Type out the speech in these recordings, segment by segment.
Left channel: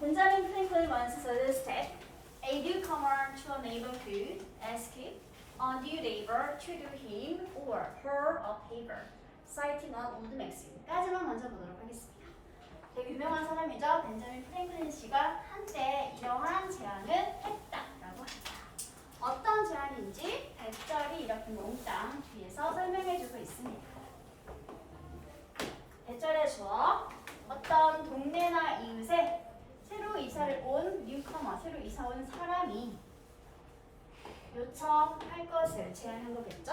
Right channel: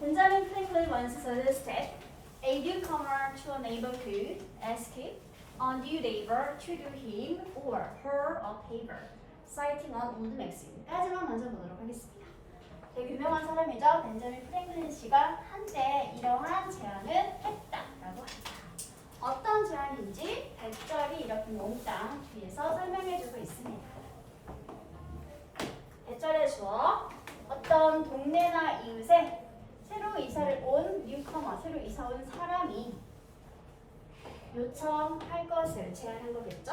Benjamin Franklin once suggested a newcomer to a neighborhood ask a new neighbor to do him or her a favor, citing an old maxim.까지만 먼저 보도록 하겠습니다. 되게 유명한 사람이죠. 벤자민 프랭클린 씨가 한때 이러한 제안을 했다라고 합니다. 어떤 제안인지 100절이 이렇게 몽땅 뒤에서 설명해주고 있습니다. 100절에 주어 어떤 동네나 이웃에 새로 이사를 온 뉴커머, 새로 이사 온 사람이 요청할 것을 제안한 거겠죠?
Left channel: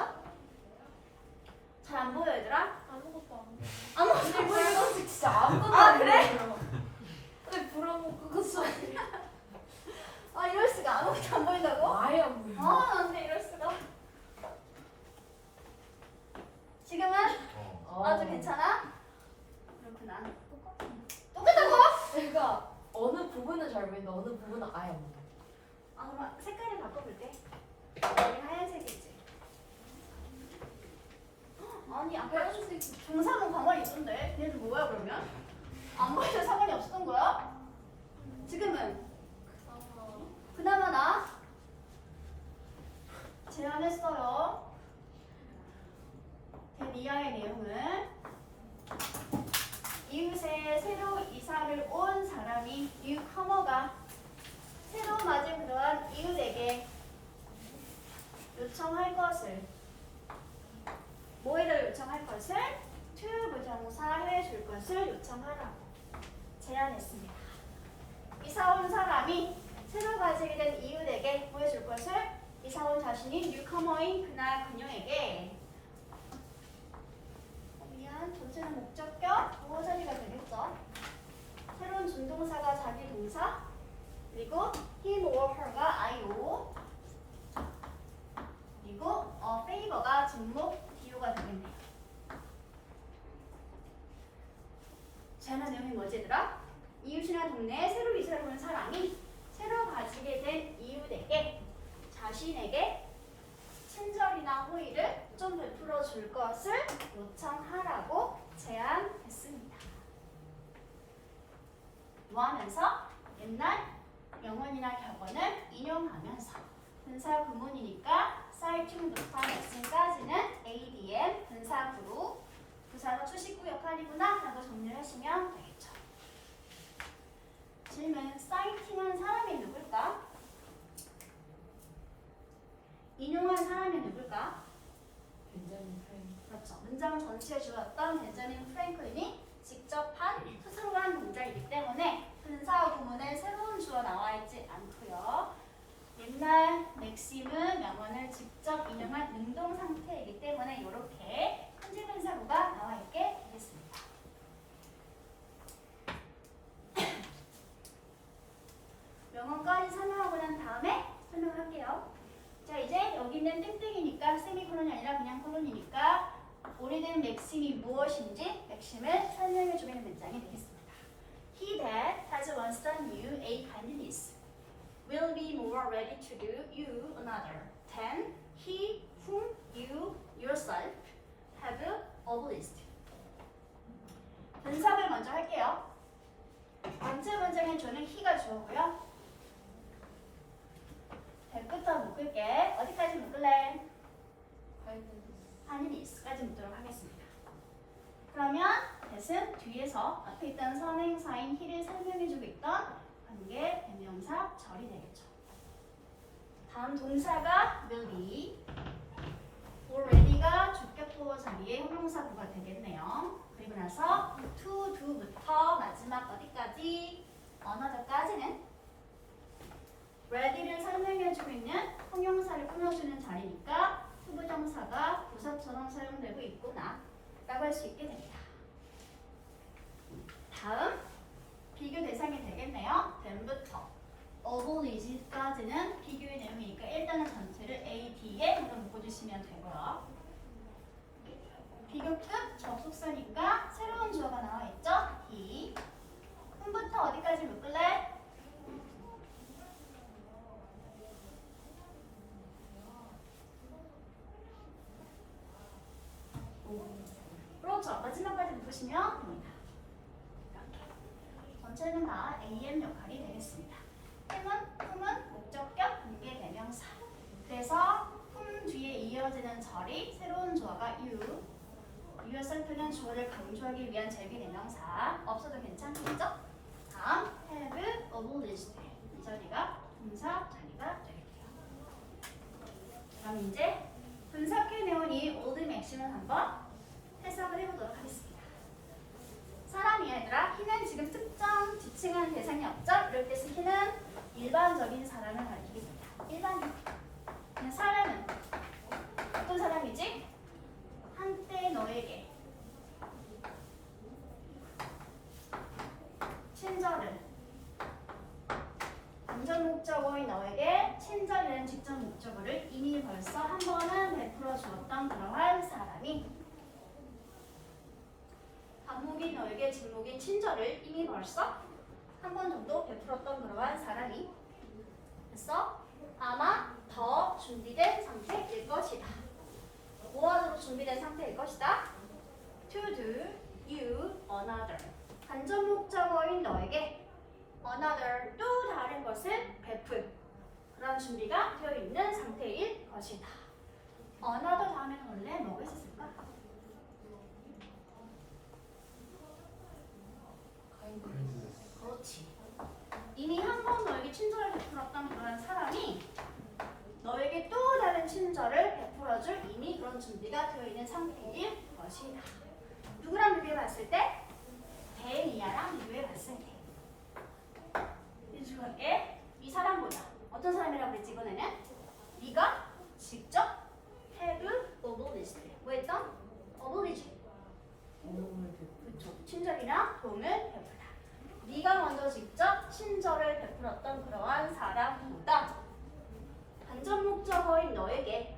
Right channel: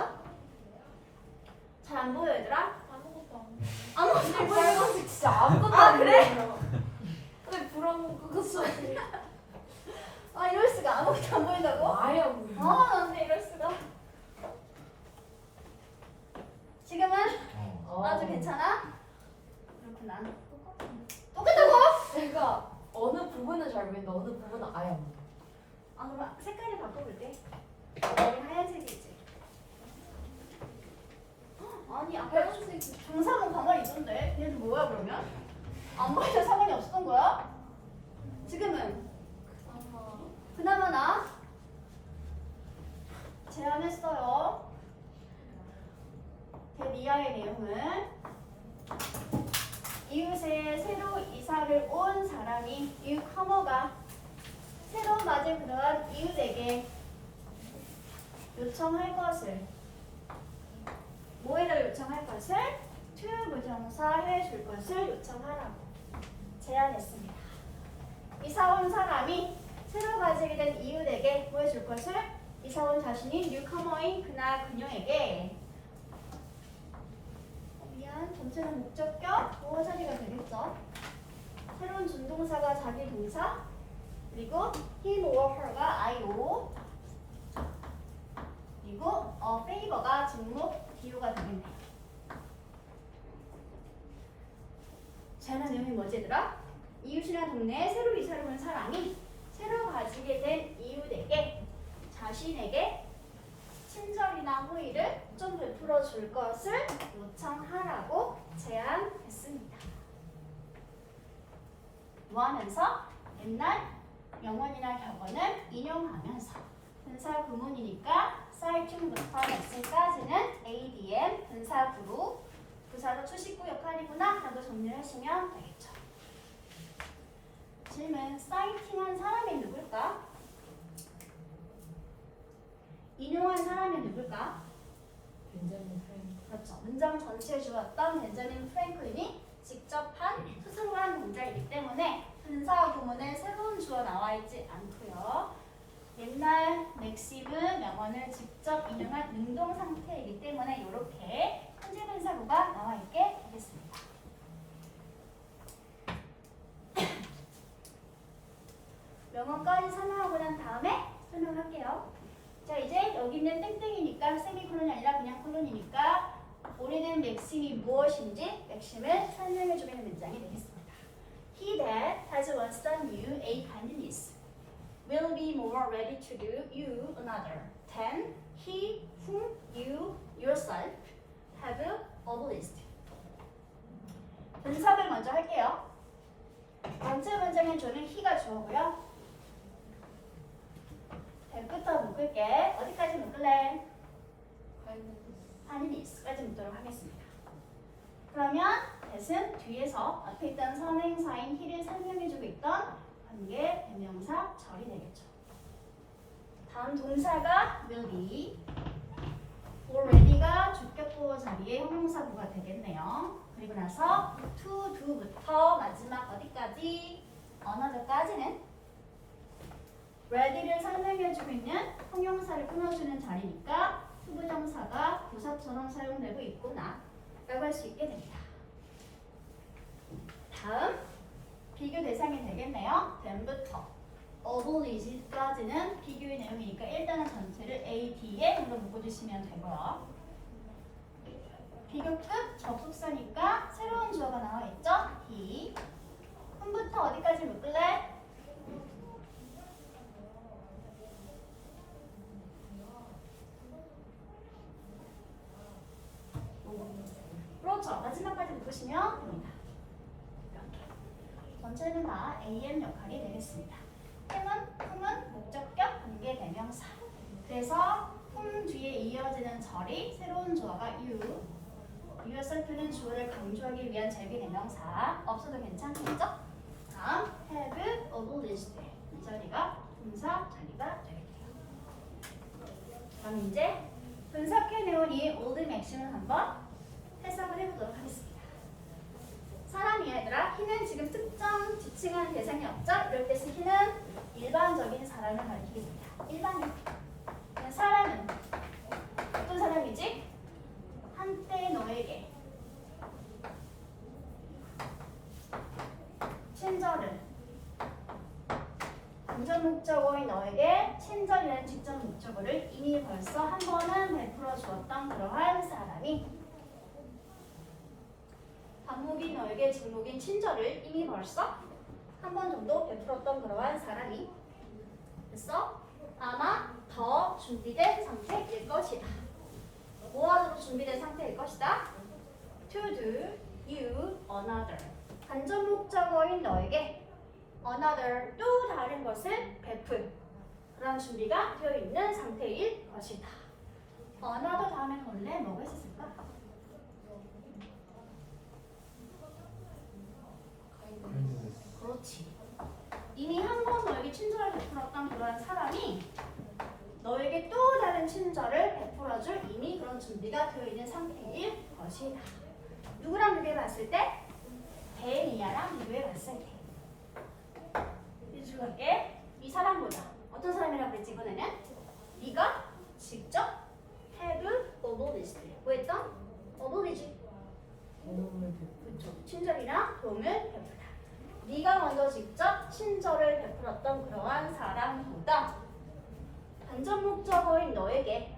잘 안 보여 얘들아? 아무것도 안 돼. 아무것도 안 보여. 빨간색 진짜 아무것도 아, 안 그래? 보여. 왜 불어먹고 그거 소리? 아 이럴 수가 아무것도 안 보인다고? 아예 안 보여. 안돼 이럴 수가. 지금은 아주 괜찮아? 그렇구나. 똑같다고? 그러니까 어느 부분은 잘 보이는데 어느 부분은 아예 안 보여. 아 그럼 색깔을 바꿔볼게. 여기 하얀색이지. 아니 아까 빨간색. 중사모 가만히 있던데 얘들 뭐야 그러면? 안 보이면 상관이 없었던 거야? 지금은 그나마 나 제안했어요. 대미아의 내용은 이웃에 새로 이사를 온 사람이 뉴커머가 새로 맞은 그러한 이웃에게 요청할 것을 뭐에다 요청할 것을 to 부정사 해줄 것을 요청하라고 제안했습니다. 이사 온 사람이 새로 가지게 된 이웃에게 뭐 해줄 것을 이사 온 자신이 뉴커머인 그나 그녀에게 전체는 목적격 보호 자리가 되겠죠. 새로운 준동사가 자기 동사 그리고 him or her가 IO 그리고 favor가 직목 DO가 되겠네요. 제안한 내용이 뭐지 얘들아? 이웃이나 동네에 새로 이사를 온 사람이 새로 가지게 된 이웃에게 자신에게 친절이나 호의를 좀 베풀어 줄 것을 요청하라고 제안했습니다. 뭐 하면서? 옛날 명언이나 격언을 인용하면서 분사 구문이니까 쌀중부터 말씀까지는 ADM 분사 구로 부사가 주식구 역할이구나 하고 정리를 하시면 되겠죠. 질문, 사이팅한 사람이 누굴까? 인용한 사람이 누굴까? 벤자민 프랭클린. 그렇죠. 문장 전체에 주었던 벤자민 프랭클린이 직접 한 스스로 한 동작이기 때문에 분사 구문에 새로운 주어 나와 있지 않고요. 옛날 맥심은 명언을 직접 인용한 능동 상태이기 때문에 이렇게 현재 분사구가 나와 있게 되겠습니다. 명언까지 설명하고 난 다음에 설명을 할게요. 자 이제 여기 있는 땡땡이니까 세미콜론이 아니라 그냥 콜론이니까 오래된 맥심이 무엇인지 맥심을 설명해주는 문장이 되겠습니다. He that has once done you a kindness will be more ready to do you another than he whom you yourself have obliged. 분석을 먼저 할게요. 전체 문장의 주는 he가 주어고요. 배부터 묶을게. 어디까지 묶을래? kindness까지 묶도록 하겠습니다. 그러면 that은 뒤에서 앞에 있던 선행사인 he를 설명해주고 있던 관계 대명사 절이 되겠죠. 다음 동사가 will be, already가 주격보호 자리에 형용사구가 되겠네요. 그리고 나서 to do부터 마지막 어디까지? another까지는 ready를 설명해주고 있는 형용사를 끊어주는 자리니까 투부정사가 부사처럼 사용되고 있구나 라고 할 수 있게 됩니다. 다음 비교 대상이 되겠네요. then부터 oblige까지는 비교의 내용이니까 일단은 전체를 A, D에 한번 묶어주시면 되고요. 비교급 접속사니까 새로운 주어가 나와 있죠? he. whom부터 어디까지 묶을래? 그렇죠. 마지막까지 묶으시면 됩니다. 이렇게. 전체는 다 am 역할이 되겠습니다. whom은 목적격 관계 대명사. 그래서 whom 뒤에 이어지는 절이 새로운 주어가 you. yourself는 주어를 강조하기 위한 절기 대명사. 없어도 괜찮겠죠? 다음 have obliged. 이 자리가 동사 자리가 되겠네요. 그럼 이제 분석해내온 이 old maxim을 한번 해석을 해보도록 하겠습니다. 사람이 얘들아, he는 지금 특정 지칭하는 대상이 없죠? 이럴 때 he는 일반적인 사람을 가리키겠습니다. 일반인. 그냥 사람은 어떤 사람이지? 한때 너에게 친절을 간접 목적어인 너에게 친절이라는 직접 목적어를 이미 벌써 한 번은 베풀어 주었던 그러한 사람이 반목인 너에게 직목인 친절을 이미 벌써 한 번 정도 베풀었던 그러한 사람이 그래서 아마 더 준비된 상태일 것이다. 뭐하러 준비된 상태일 것이다? To do you another. 간접 목적어인 너에게 another 또 다른 것을 베풀 그런 준비가 되어 있는 상태일 것이다. another 다음에 원래 뭐가 있었을까? 그렇지. 이미 한 번 너에게 친절을 베풀었던 그러한 사람이 너에게 또 다른 친절을 베풀어줄 이미 그런 준비가 되어 있는 상태일 것이다. 누구랑 비교해봤을 때? 데니아랑 비교해봤을 때. 이제 줄게. 이 사람보다 어떤 사람이라고 그랬지 이번에는? 네가 직접 have obliged. 뭐 했던? oblige. 그렇죠. 친절이나 도움을 베풀다. 네가 먼저 직접 친절을 베풀었던 그러한 사람보다 간접 목적어인 너에게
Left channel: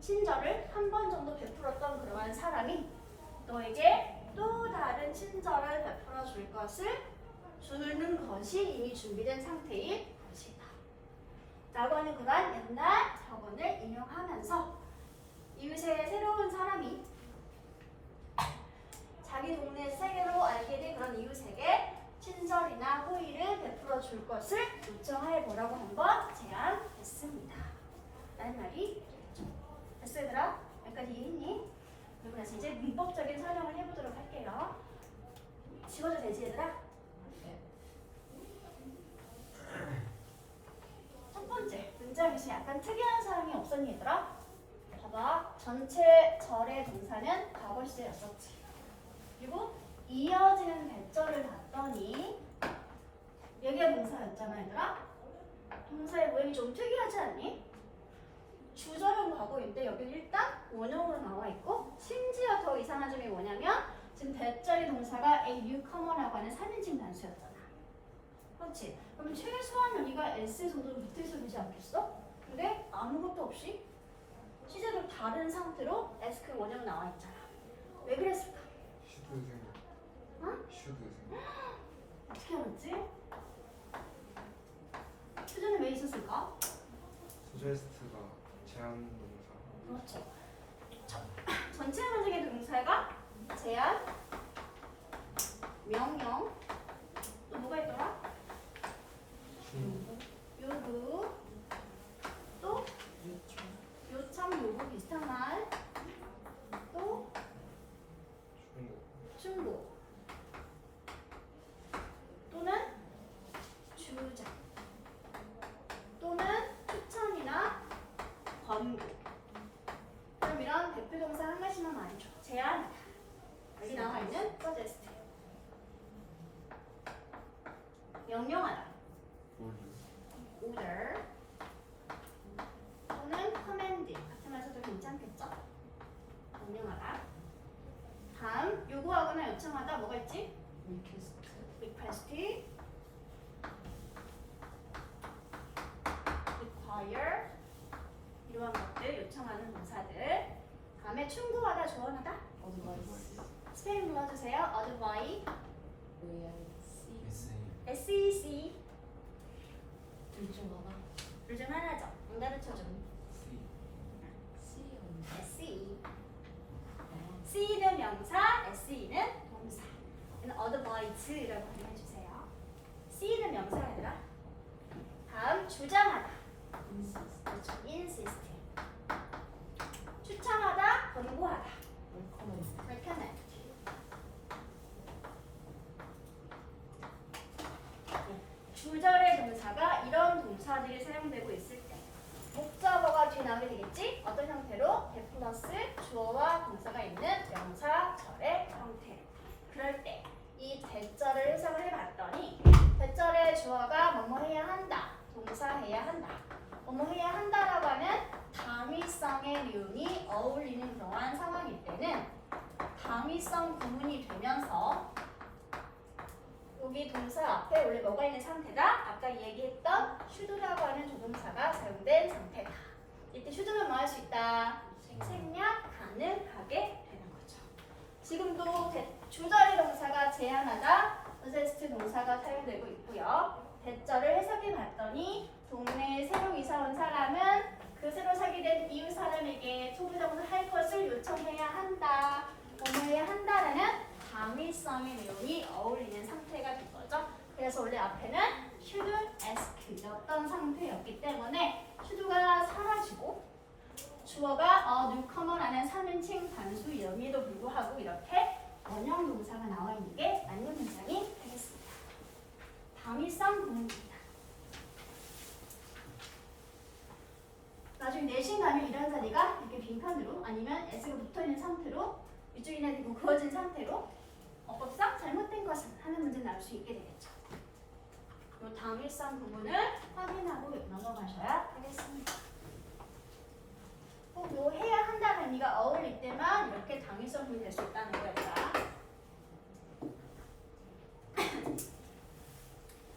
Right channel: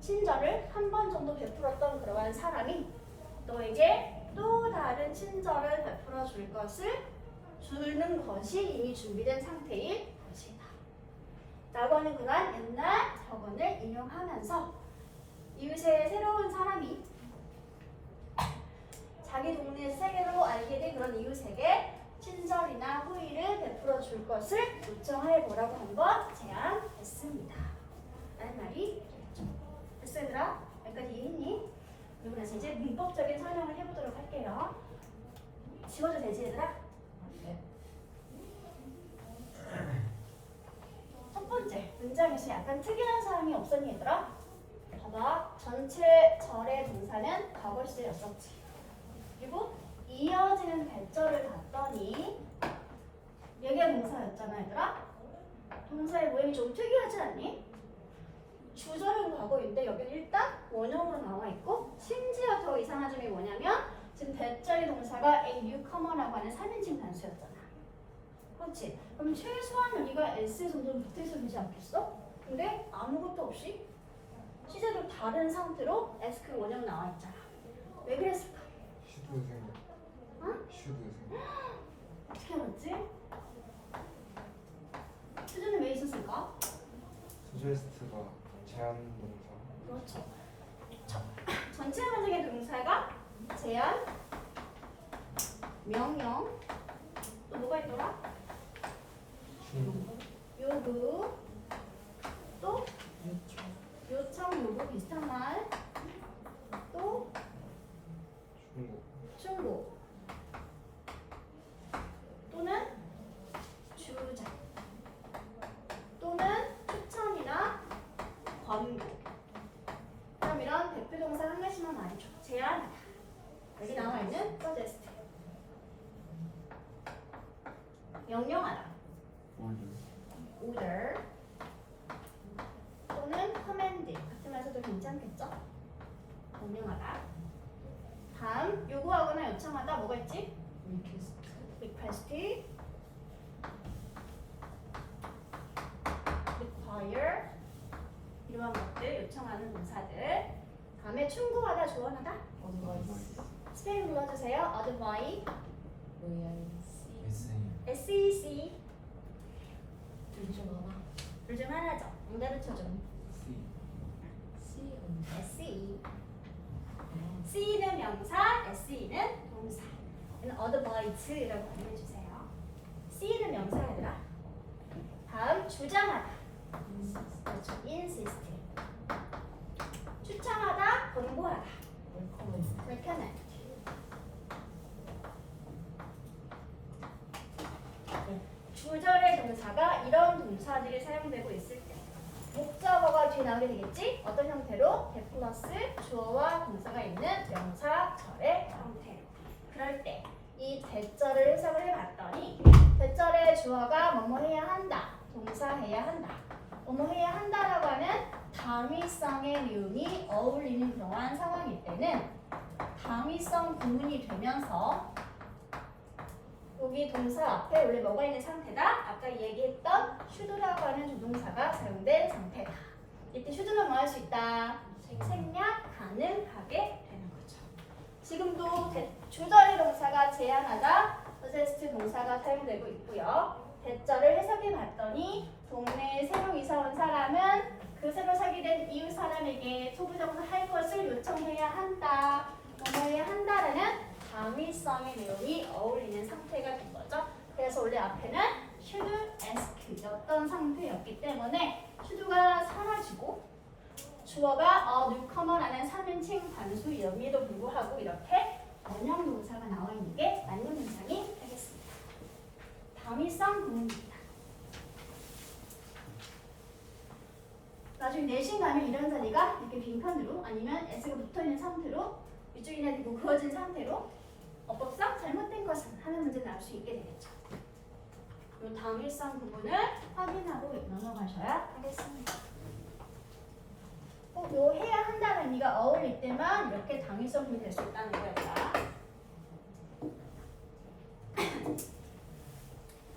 친절을 한 번 정도 베풀었던 그러한 사람이 너에게 또 다른 친절을 베풀어 줄 것을 주는 것이 이미 준비된 상태일 것이다. 라고 하는 그러한 옛날 격언을 인용하면서 이웃의 새로운 사람이 자기 동네 세계로 알게 된 그런 이웃에게 친절이나 호의를 베풀어 줄 것을 요청해 보라고 한번 제안했습니다. 라는 말이 되겠죠. 됐어 얘들아? 여기까지 이해했니? 그리고 나서 이제 문법적인 설명을 해보도록 할게요. 지워도 되지 얘들아? 네. 첫 번째 문장에서 약간 특이한 사항이 없었니 얘들아? 봐봐. 전체 절의 동사는 과거 시제였었지. 그리고 이어지는 배절을 봤더니 여기가 동사였잖아 얘들아. 동사의 모양이 좀 특이하지 않니? 주절은 과거인데 여기는 일단 원형으로 나와 있고 심지어 더 이상한 점이 뭐냐면 지금 배절의 동사가 a newcomer라고 하는 3인칭 단수였잖아. 그렇지? 그럼 최소한 여기가 s 정도는 붙어있어야 되지 않겠어? 근데 아무것도 없이 시제도 다른 상태로 s 그 원형 나와 있잖아. 왜 그랬을까? 슈드 생각. 응? 슈드 생각. 어떻게 알았지? 수준은 왜 있었을까? 수제스트가 제한 동사. 그렇죠. 전체 문장의 동사가 제한, 명령, 또 뭐가 있더라? 요구, 또 요청, 요구 비슷한 말, 또 충고. 충고, 또는 주장, 또는 추천이나 권고. 그럼 이런 대표 동사 한 가지만 말해줘. 제안하다. 여기 나와 있는 suggest. 명령하다. order. 또는 command. 같은 말써도 괜찮겠죠? 명령하다. 다음 요구하거나 요청하다 뭐가 있지? request. require. 이러한 것들 요청하는 동사들. 다음에 충고하다, 조언하다. 스펠링 불러주세요. advise, SEC. 둘 중 하나죠. 안 가르쳐줘. SE. C는 명사, SE는 동사. advise라고 발음해주세요. C는 명사가 다음 주장하다. 그렇죠. insist. 추천하다, 권고하다. recommend. 주절의 동사가 이런 동사들이 사용되고 있을 때 목적어가 뒤에 나오게 되겠지? 어떤 형태로? 대 플러스 주어와 동사가 있는 명사절의 형태로. 그럴 때 이 대절을 해석을 해봤더니 대절의 주어가 뭐뭐 해야 한다, 동사 해야 한다, 뭐뭐 해야 한다라고 하는 당위성의 내용이 어울리는 그러한 상황일 때는 당위성 구문이 되면서 여기 동사 앞에 원래 뭐가 있는 상태다? 아까 얘기했던 should라고 하는 조동사가 사용된 상태다. 이때 should는 뭐 할 수 있다? 생략 가능하게 되는 거죠. 지금도 주절의 동사가 제한하다, possessed 동사가 사용되고 있고요. 대절을 해석해 봤더니 동네에 새로 이사 온 사람은 그 새로 살게 된 이웃 사람에게 소부정을 할 것을 요청해야 한다, 뭐뭐 해야 한다라는 당위성의 내용이 어울리는 상태가 된 거죠. 그래서 원래 앞에는 should ask였던 상태였기 때문에 should가 사라지고 주어가 newcomer라는 3인칭 단수 이름에도 불구하고 이렇게 원형 동사가 나와 있는 게 맞는 문장이 되겠습니다. 당위성 구문입니다. 나중에 내신 가면 이런 자리가 이렇게 빈칸으로 아니면 s가 붙어있는 상태로 위쪽이나 되고 그어진 상태로 어법상 잘못된 것은 하는 문제 나올 수 있게 되겠죠. 이 당위성 부분을 확인하고 넘어가셔야 하겠습니다. 꼭 요 해야 한다는 의미가 어울릴 때만 이렇게 당위성 부분이 될 수 있다는 거였다.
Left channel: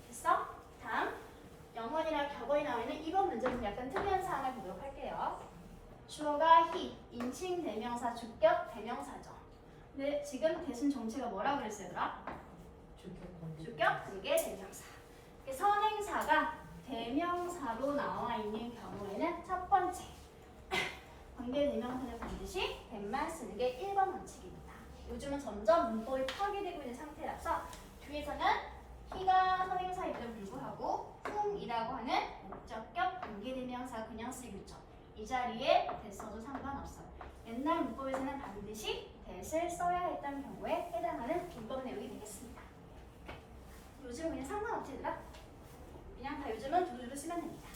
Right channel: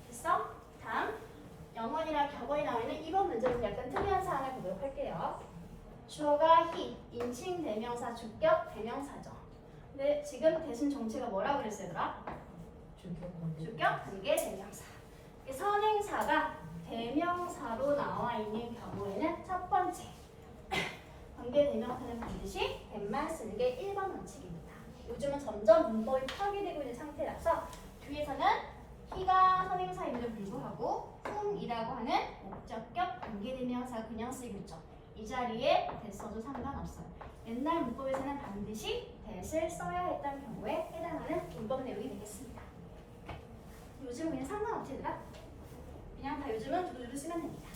됐어? 다음 영어나 격언이 나와 있는 이번 문제는 약간 특이한 사항을 보도록 할게요. 주어가 he, 인칭 대명사, 주격 대명사죠. 근데 지금 대신 정체가 뭐라고 그랬어요, 얘들아? 주격 관계 대명사. 선행사가 대명사로 나와 있는 경우에는 첫 번째 관계 대명사는 반드시 댓말 쓰는 게 1번 원칙입니다. 요즘은 점점 문법이 파괴되고 있는 상태라서 뒤에서는 he가 선행사임에도 불구하고 whom이라고 하는 목적격 관계 대명사 그냥 쓰이고 있죠. 이 자리에 대 써도 상관없어요. 옛날 문법에서는 반드시 대를 써야 했던 경우에 해당하는 문법 내용이 되겠습니다. 요즘은 그냥 상관없지더라. 그냥 다 요즘은 두루두루 쓰면 됩니다.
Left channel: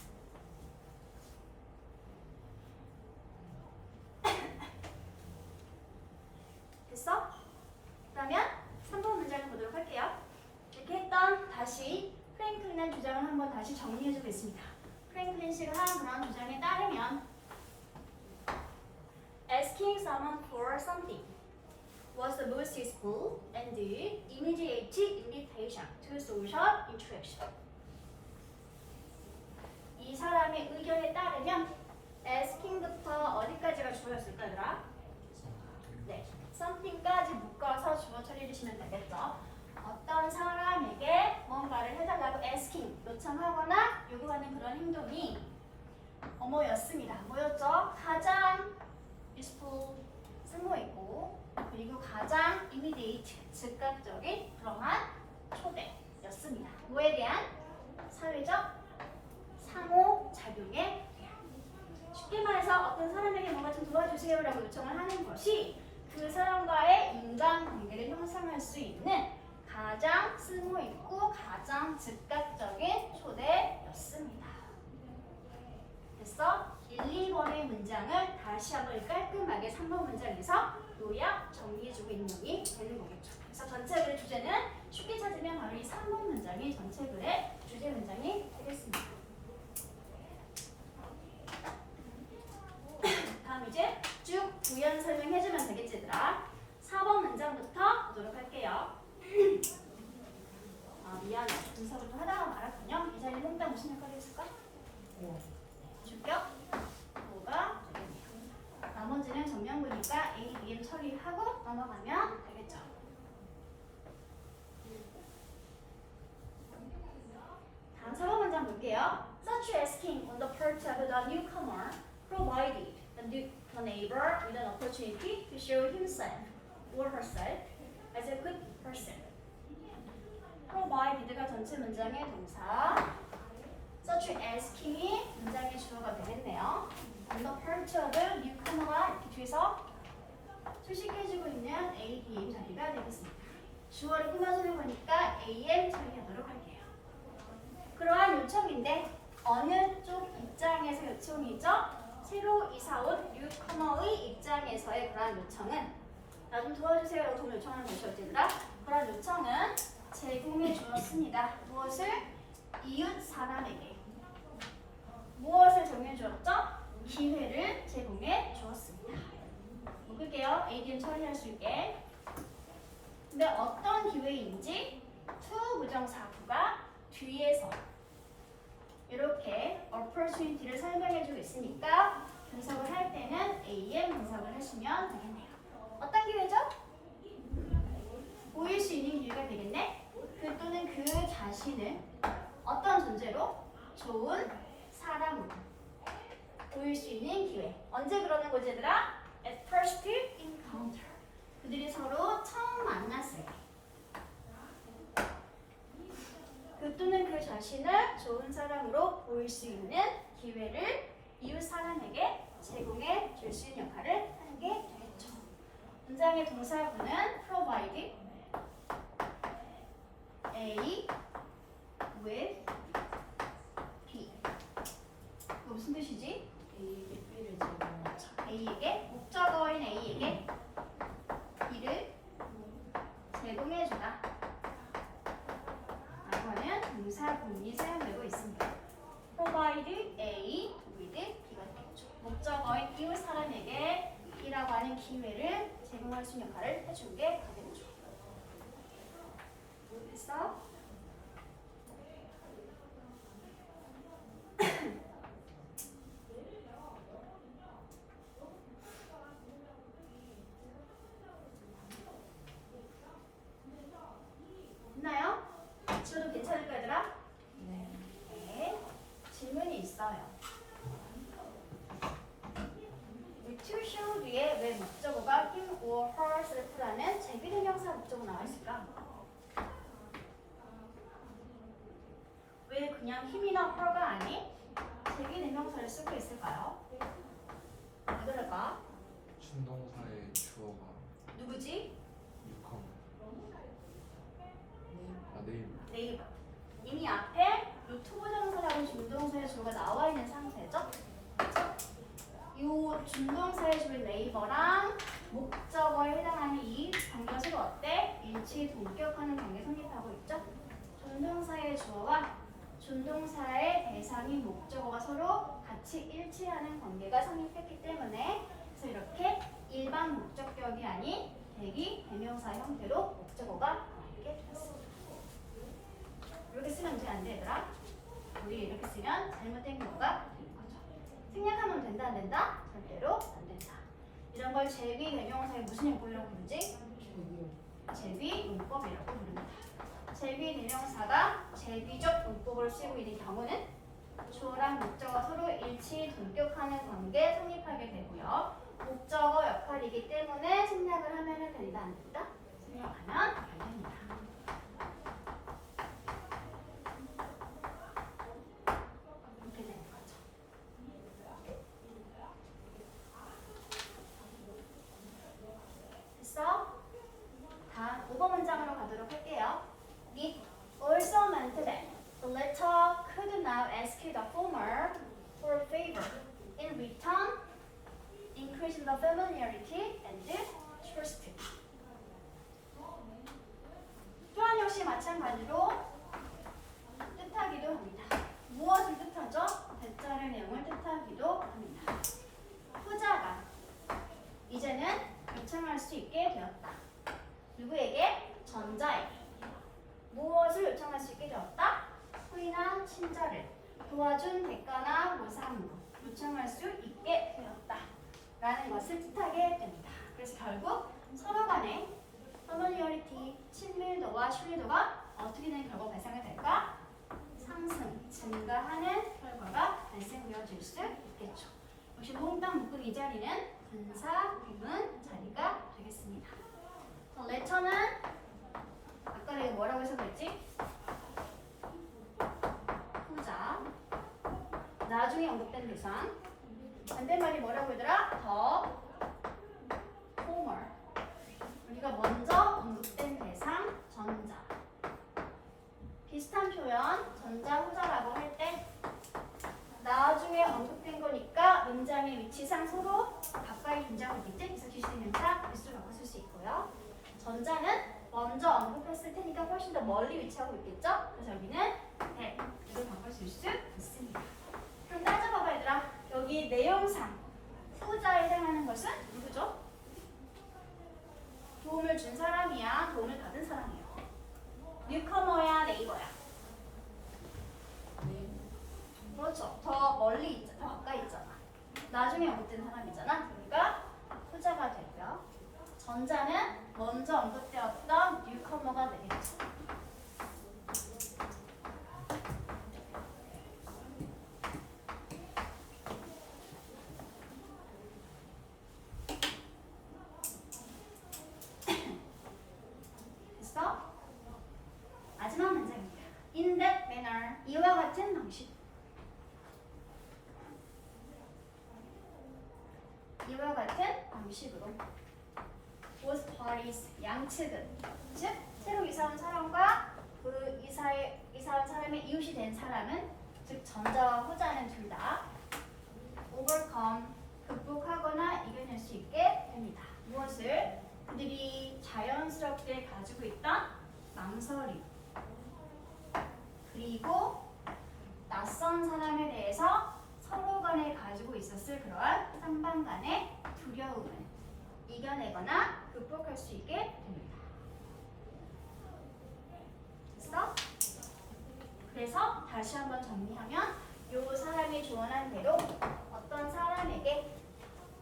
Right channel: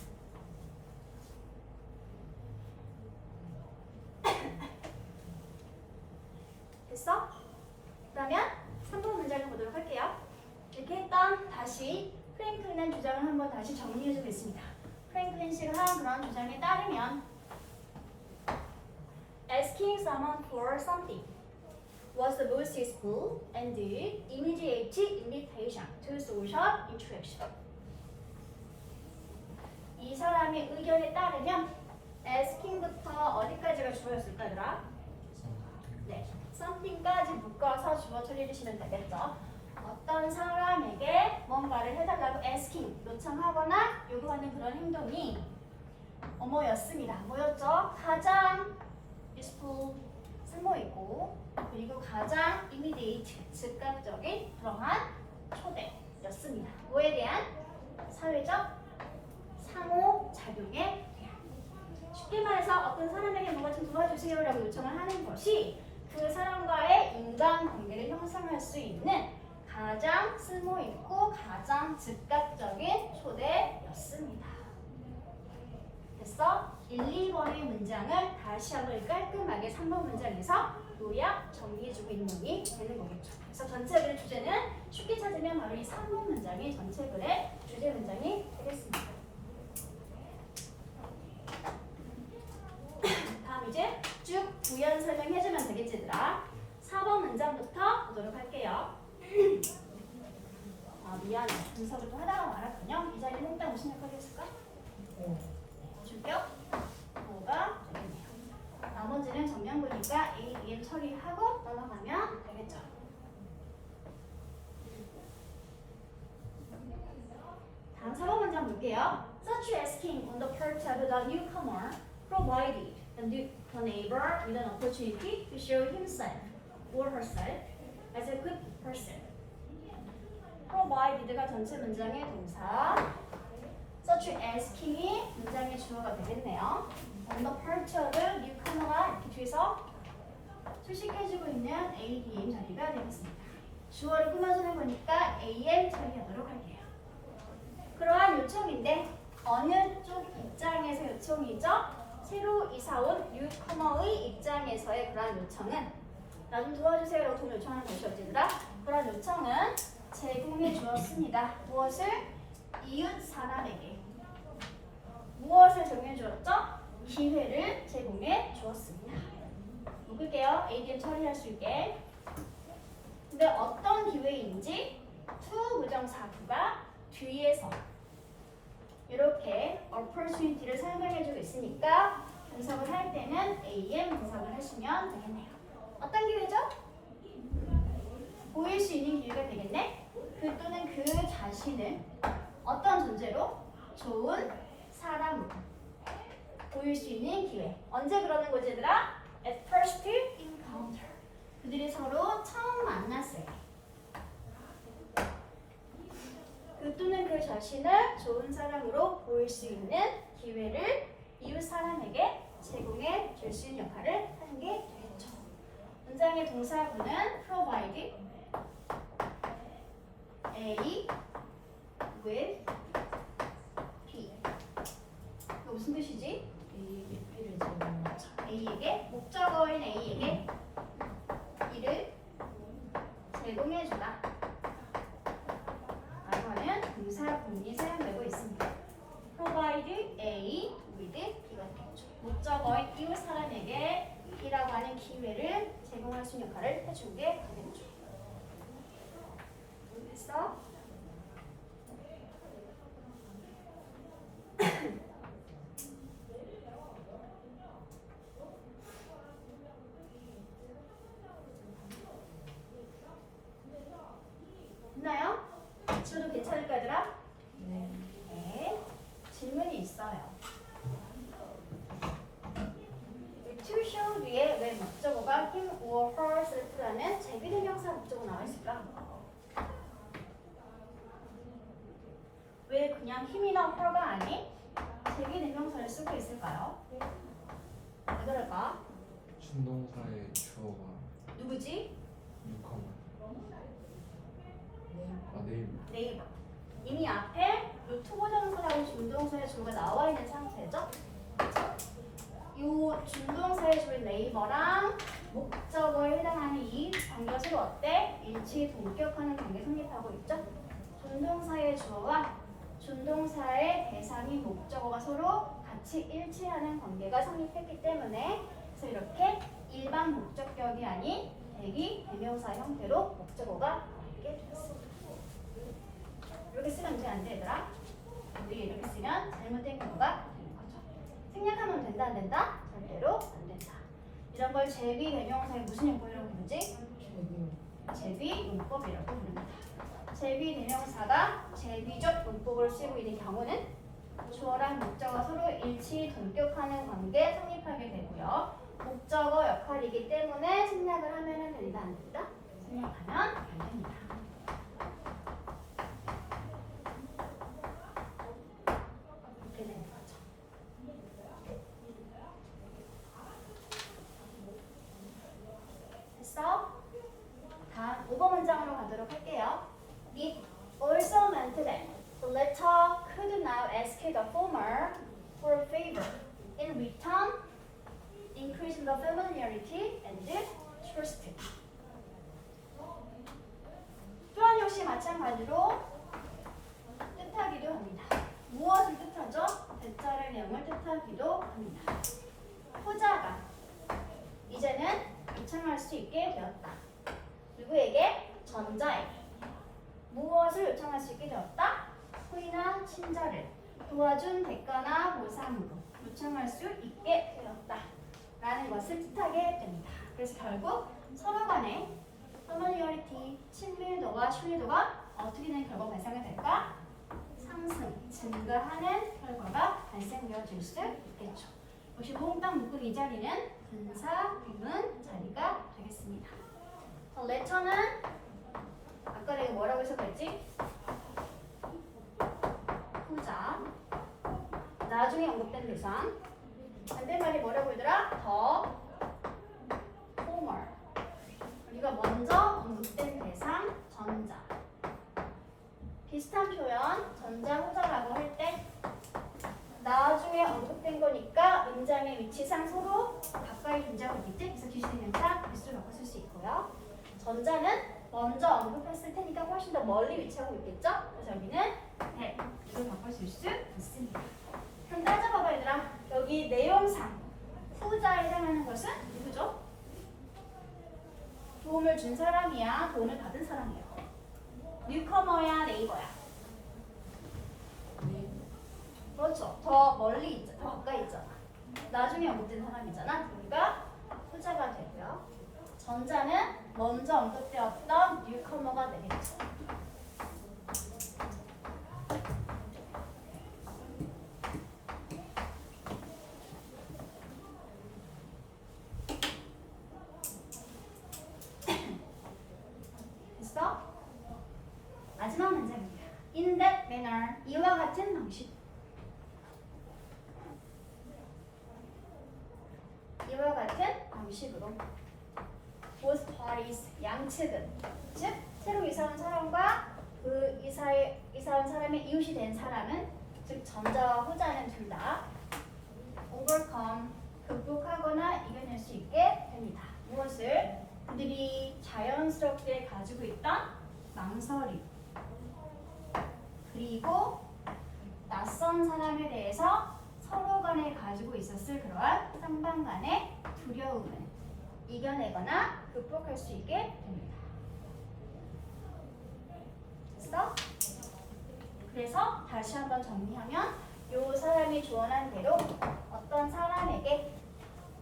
됐어? 그러면 3번 문장을 보도록 할게요. 이렇게 했던 다시 프랭클린의 주장을 한번 다시 정리해주고 있습니다. 프랭클린 씨가 한 그런 주장에 따르면 asking someone for something was the most useful and the immediate invitation to social interaction. 이 사람의 의견에 따르면 asking부터 어디까지가 주어였을까, 얘들아? 네, something까지 묶어서 주어 처리해주시면 되겠죠. 어떤 사람에게 뭔가를 해달라고 asking, 요청하거나 요구하는 그런 행동이 뭐였습니다. 뭐였죠? 가장 useful, 쓸모있고 그리고 가장 immediate, 즉각적인 그러한 초대였습니다. 뭐에 대한? 사회적 상호작용에 대한. 쉽게 말해서 어떤 사람에게 뭔가 좀 도와주세요 라고 요청을 하는 것이 그 사람과의 인간관계를 형성할 수 있는 가장 쓸모있고 가장 즉각적인 초대였습니다. 됐어? 1, 2번의 문장을 다시 한번 깔끔하게 3번 문장에서 요약 정리해주고 있는 내용이 되는 거겠죠. 그래서 전체 글의 주제는 쉽게 찾으면 바로 이 3번 문장이 전체 글의 주제 문장이 되겠습니다. 다음 이제 쭉 부연 설명해주면 되겠지, 얘들아. 4번 문장부터 보도록 할게요. 미안해. 분석을 또 하다가 말았군요. 이 자리에 몽땅 무슨 역할이 있을까? 주격, 뭐가 되겠네요. 나머지는 전면부니까 A, B에 처리하고 넘어가면 되겠죠. 다음 4번 문장 볼게요. Such asking on the part of the newcomer provided the neighbor with an opportunity to show himself or herself as a good person. did가 전체 문장의 동사. such asking이 문장의 주어가 되겠네요. on the part of newcomer가 이렇게 뒤에서 수식해주고 있는 ADM 자리가 되겠습니다. 주어를 꾸며주는 거니까 AM 처리하도록 할게요. 그러한 요청인데 어느 쪽 입장에서 요청이죠? 새로 이사온 뉴커머의 입장에서의 그러한 요청은 나 좀 도와주세요 라고 돈 요청하는 것이 어디더라? 그런 요청은 제공해 주었습니다. 무엇을? 이웃 사람에게. 무엇을 제공해 주었죠? 기회를 제공해 주었습니다. 묶을게요. ADM 처리할 수 있게. 근데 어떤 기회인지 to 부정사구가 뒤에서 이렇게 opportunity를 설명해주고 있으니까 분석을 할 때는 AM 분석을 하시면 되겠네요. 어떤 기회죠? 보일 수 있는 기회가 되겠네. 그 또는 그 자신을 어떤 존재로? 좋은 사람으로 보일 수 있는 기회. 언제 그러는 거지 얘들아? At first encounter. 그들이 서로 처음 만났을 때. 그 또는 그 자신을 좋은 사람으로 보일 수 있는 기회를 이웃 사람에게 제공해 줄 수 있는 역할을 하는 게 되겠죠. 문장의 동사구는 provide A with B. 이거 무슨 뜻이지? B를 제공하자. A에게 목적어인 A에게 이를 제공해주다 라고 하는 동사구문이 사용되고 있습니다. provide A with B가 되겠죠. 목적어인 이웃 사람에게 이라고 하는 기회를 제공할 수 있는 역할을 해준 게 되겠죠. 됐어? 됐나요? 지금도 괜찮을까 얘들아? 네. 네. 질문이 있어요. 이 to show 뒤에 왜 목적어가 him or herself라는 제비대명사 목적어 나와 있을까? 왜 그냥 힘이나 her가 아닌 제비대명사를 쓰고 있을까요? 왜 그럴까? 준동사의 주어가 누구지? 유컴. 네. 아 네이버. 네이버. 이미 앞에 요 투부정사라는 준동사의 주어가 나와 있는 상태죠? 요 준동사의 주어인 네이버랑 목적어에 해당하는 이 관계가 서로 어때? 일치 동격하는 관계 성립하고 있죠? 준동사의 주어와 준동사의 대상인 목적어가 서로 같이 일치하는 관계가 성립했기 때문에 그래서 이렇게 일반 목적격이 아닌 대기 대명사 형태로 목적어가 나오게 되었습니다. 이렇게 쓰면 돼, 안 돼, 얘들아? 우리 이렇게 쓰면 잘못된 경우가 있는 거죠. 생략하면 된다, 안 된다? 절대로 안 된다. 이런 걸 제비 대명사의 무슨 용법이라고 부르지? 제비 용법이라고 부릅니다. 제비 대명사가 제비적 문법을 쓰고 있는 경우는 주어랑 목적어 서로 일치 동격하는 관계 성립하게 되고요. 목적어 역할이기 때문에 생략을 하면 된다, 안 된다? 생략하면 안 됩니다. 이렇게 되는 거죠. 됐어? 다음 5번 문장으로 가도록 할게요. It also meant that the letter could now ask the former for a favor. In return, increasing the familiarity and trust. 또한 역시 마찬가지로 뜻하기도 합니다. 무엇을 뜻하죠? 대자의 내용을 뜻하기도 합니다. 후자가 이제는 요청할 수 있게 되었다. 누구에게? 전자에게. 무엇을 요청할 수 있게 되었다? 후이나 친자를 도와준 대가나 보상으로 요청할 수 있게 되었다. 라는 것을 뜻하게 됩니다. 그래서 결국 서로 간의 familiarity, 친밀도와 신뢰도가 어떻게 되는 결과가 발생이 될까? 상승, 증가하는 결과가 발생되어질 수 있겠죠. 역시 몽땅 묶은 이 자리는 분사, 구문 자리가 되겠습니다. letter는 아까 내가 뭐라고 해석했지? 나중에 언급된 대상. 반대말이 뭐라고 얘들아? 더 former. 우리가 먼저 언급된 대상 전자. 비슷한 표현 전자 후자라고 할 때 나중에 언급된 거니까 문장의 위치상 서로 가까이 존재하고 있겠지? 그래서 기술의 명사 개수를 바꿔 쓸 수 있고요. 전자는 먼저 언급했을 테니까 훨씬 더 멀리 위치하고 있겠죠? 그래서 여기는 네, 이걸 바꿔 쓸 수 있습니다. 그럼 따져봐봐 얘들아. 여기 내용상 후자에 해당하는 것은 누구죠? 도움을 준 사람이야? 도움을 받은 사람이야? 뉴커머야? 네이버야? 네. 그렇죠. 더 멀리 있잖아. 더 가까이 있잖아. 나중에 언급된 사람이잖아. 그러니까 후자가 되고요. 전자는 먼저 언급되었던 뉴커머가 되겠죠. 됐어? 마지막 문장입니다. In that manner. 이와 같은 방식. 이와 같은 방식으로 both parties 양측은 즉 새로 이사 온 사람과 그 이사 온 사람의 이웃이 된 사람은 즉 전자와 후자는 둘 다 overcome 극복하거나 이겨낼 수 있게 됩니다. 무엇을? 그들이 자연스럽게 가지고 있던 망설임 그리고 낯선 사람에 대해서 서로 간에 가지고 있었을 그러한 상방 간의 두려움을 이겨내거나 극복할 수 있게 됩니다. 됐어? 그래서 다시 한번 정리하면 요 사람이 조언한 대로 어떤 사람에게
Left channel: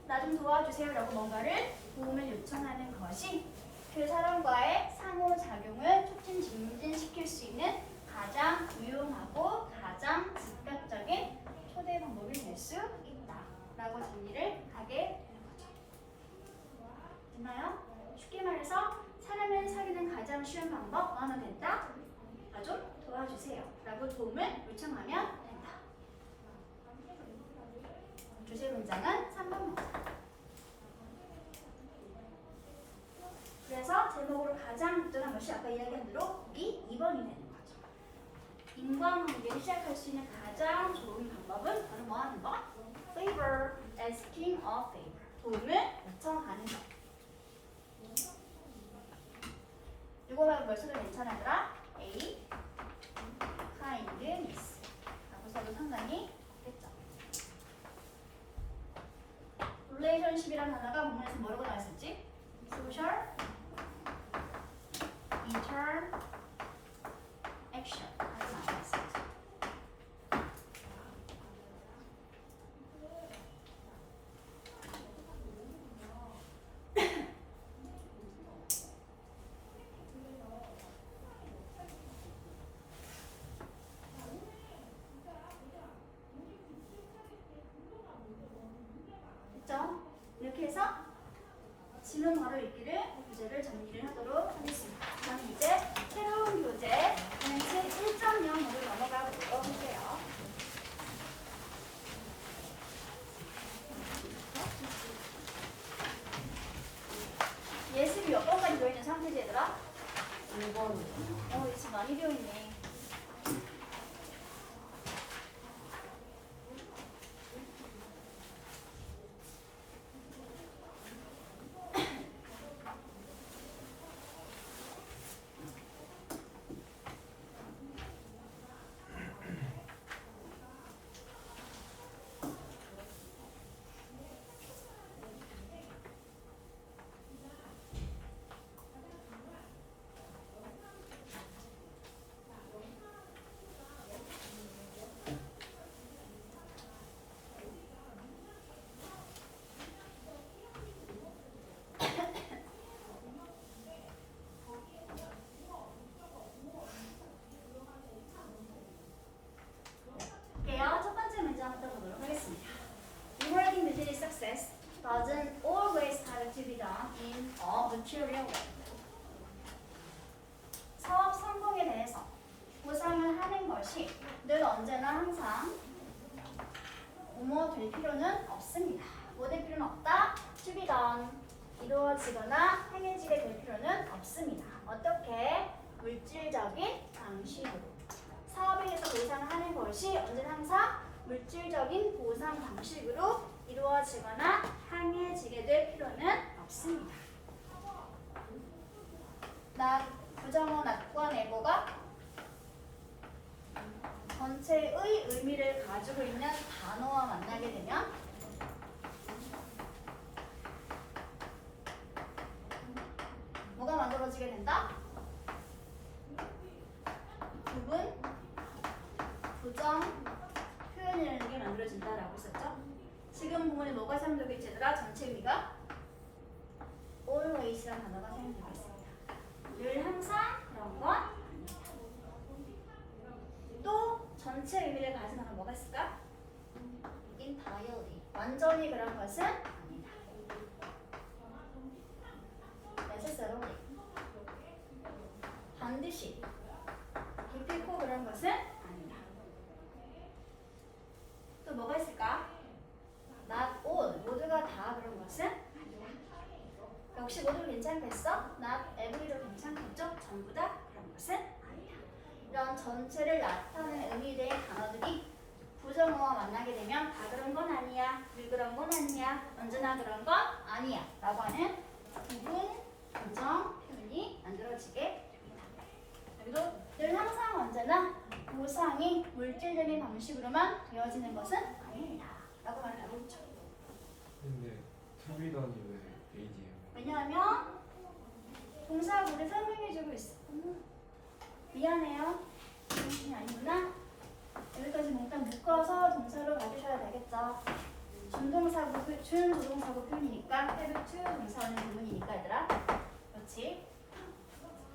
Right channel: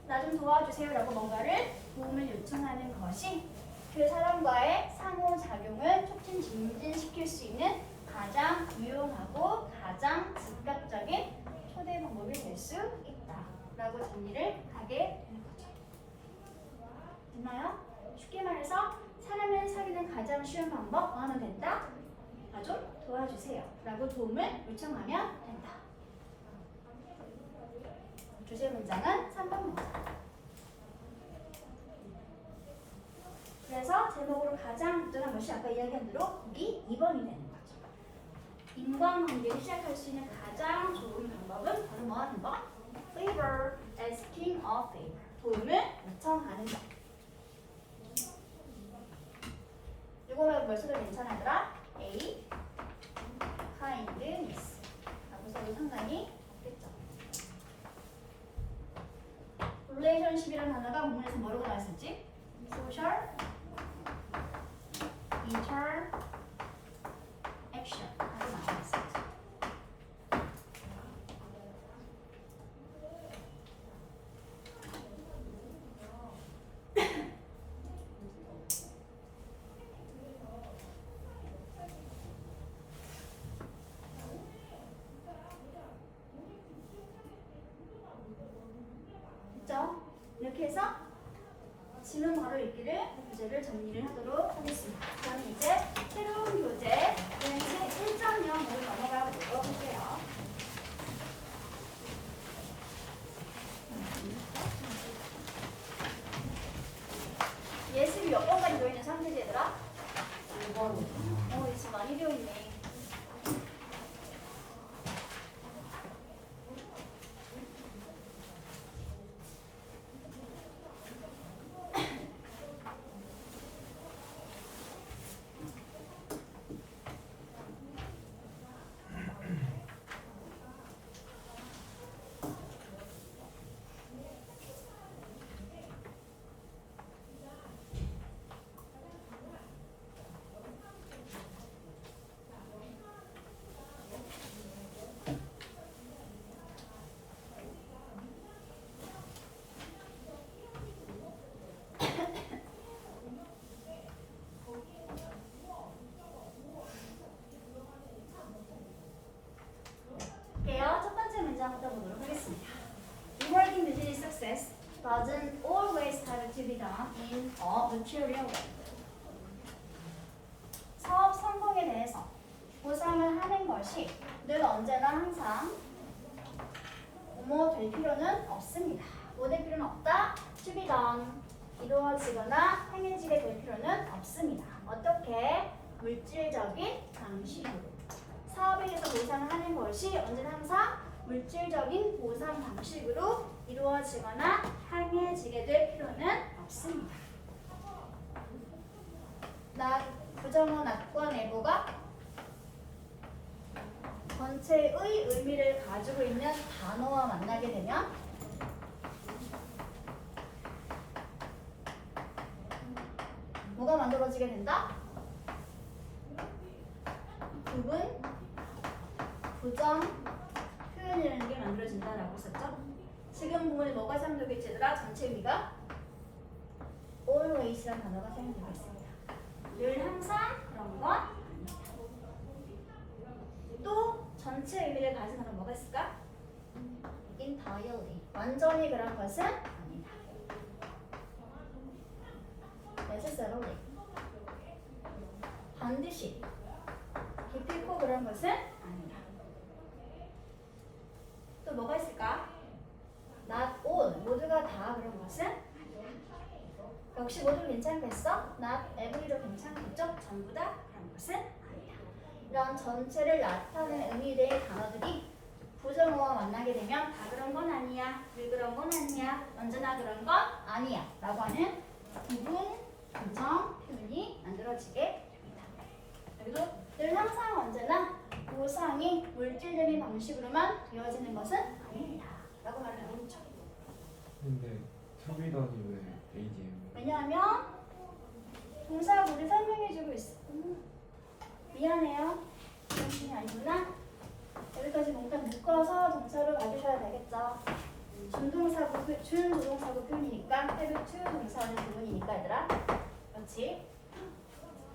나 좀 도와주세요 라고 뭔가를 도움을 요청하는 것이 그 사람과의 상호작용을 촉진 증진시킬 수 있는 가장 유용하고 가장 즉각적인 초대 방법이 될 수 있다 라고 정리를 하게 되는 거죠. 됐나요? 쉽게 말해서 사람을 사귀는 가장 쉬운 방법 뭐 하면 된다? 나 좀 도와주세요 라고 도움을 요청하면 된다. 주제 문장은 3번 문장. 그래서 제목으로 가장 적절한 것이 아까 이야기한 대로 거기 2번이 되는 거죠. 인과관계를 시작할 수 있는 가장 좋은 방법은 바로 뭐 하는 거? Favor, asking of favor. 도움을 요청하는 것. 이거는 몇 소리 괜찮아더라? A, kindness. 라고 써도 상관이 없겠죠. relationship이라는 단어가 본문에서 뭐라고 나왔었지? social, interaction. 라고 나왔었지. 됐죠? 이렇게 해서 지문 바로 읽기를 교재를 정리를 하도록 하겠습니다. 그럼 이제 새로운 교재 왠지 1.0으로 넘어가 보도록 할게요. 예습이 몇 번까지 되어 있는 상태지 얘들아? 1번. 예습 많이 되어 있네. 첫 번째 문장부터 보도록 하겠습니다. Rewarding business success doesn't always have to be done in a material way. 사업 성공에 대해서 보상을 하는 것이 늘 언제나 항상 뭐뭐 될 필요는 없습니다. 뭐 될 필요는 없다. to be done. 이루어지거나 행해지게 될 필요는 없습니다. 어떻게? 물질적인 방식으로. 사업에 대해서 보상하는 것이 언제나 항상 물질적인 보상 방식으로 이루어지거나 행해지게 될 필요는 없습니다. 부정어 낫과 내보가 전체의 의미를 가지고 있는 단어와 만나게 되면 뭐가 만들어지게 된다? 부분, 부정, 표현이라는 게 만들어진다라고 했었죠? 지금 부분에 뭐가 사용되겠지 얘들아? 전체 의미가 always라는 단어가 사용되고 있습니다. 늘 항상 그런 건 아니다. 또 전체 의미를 가진 단어 뭐가 있을까? entirely. 완전히 그런 것은 아니다. necessarily. 반드시. 기필코 그런 것은 아니다. 또 뭐가 있을까? not all. 모두가 다 그런 것은 아니다. 역시 모두 괜찮겠어? not every도 괜찮겠죠? 전부 다 그런 것은 아니다. 이런 전체를 나타내는 의미의 단어들이 부정어와 만나게 되면 다 그런 건 아니야, 늘 그런 건 아니야, 언제나 그런 건 아니야 라고 하는 부분, 부정 표현이 만들어지게 됩니다. 그리고 늘 항상 언제나 보상이 물질적인 방식으로만 되어지는 것은 아닙니다 라고 말하고 있죠. 근데 투비던이 왜 AD예요? 왜냐하면 동사구를 설명해주고 있어. 미안해요. 그게 아니구나. 여기까지 뭔가 묶어서 동사로 가주셔야 되겠죠. 준조동사구 표현이니까 have to 동사하는 부분이니까 얘들아. 그렇지.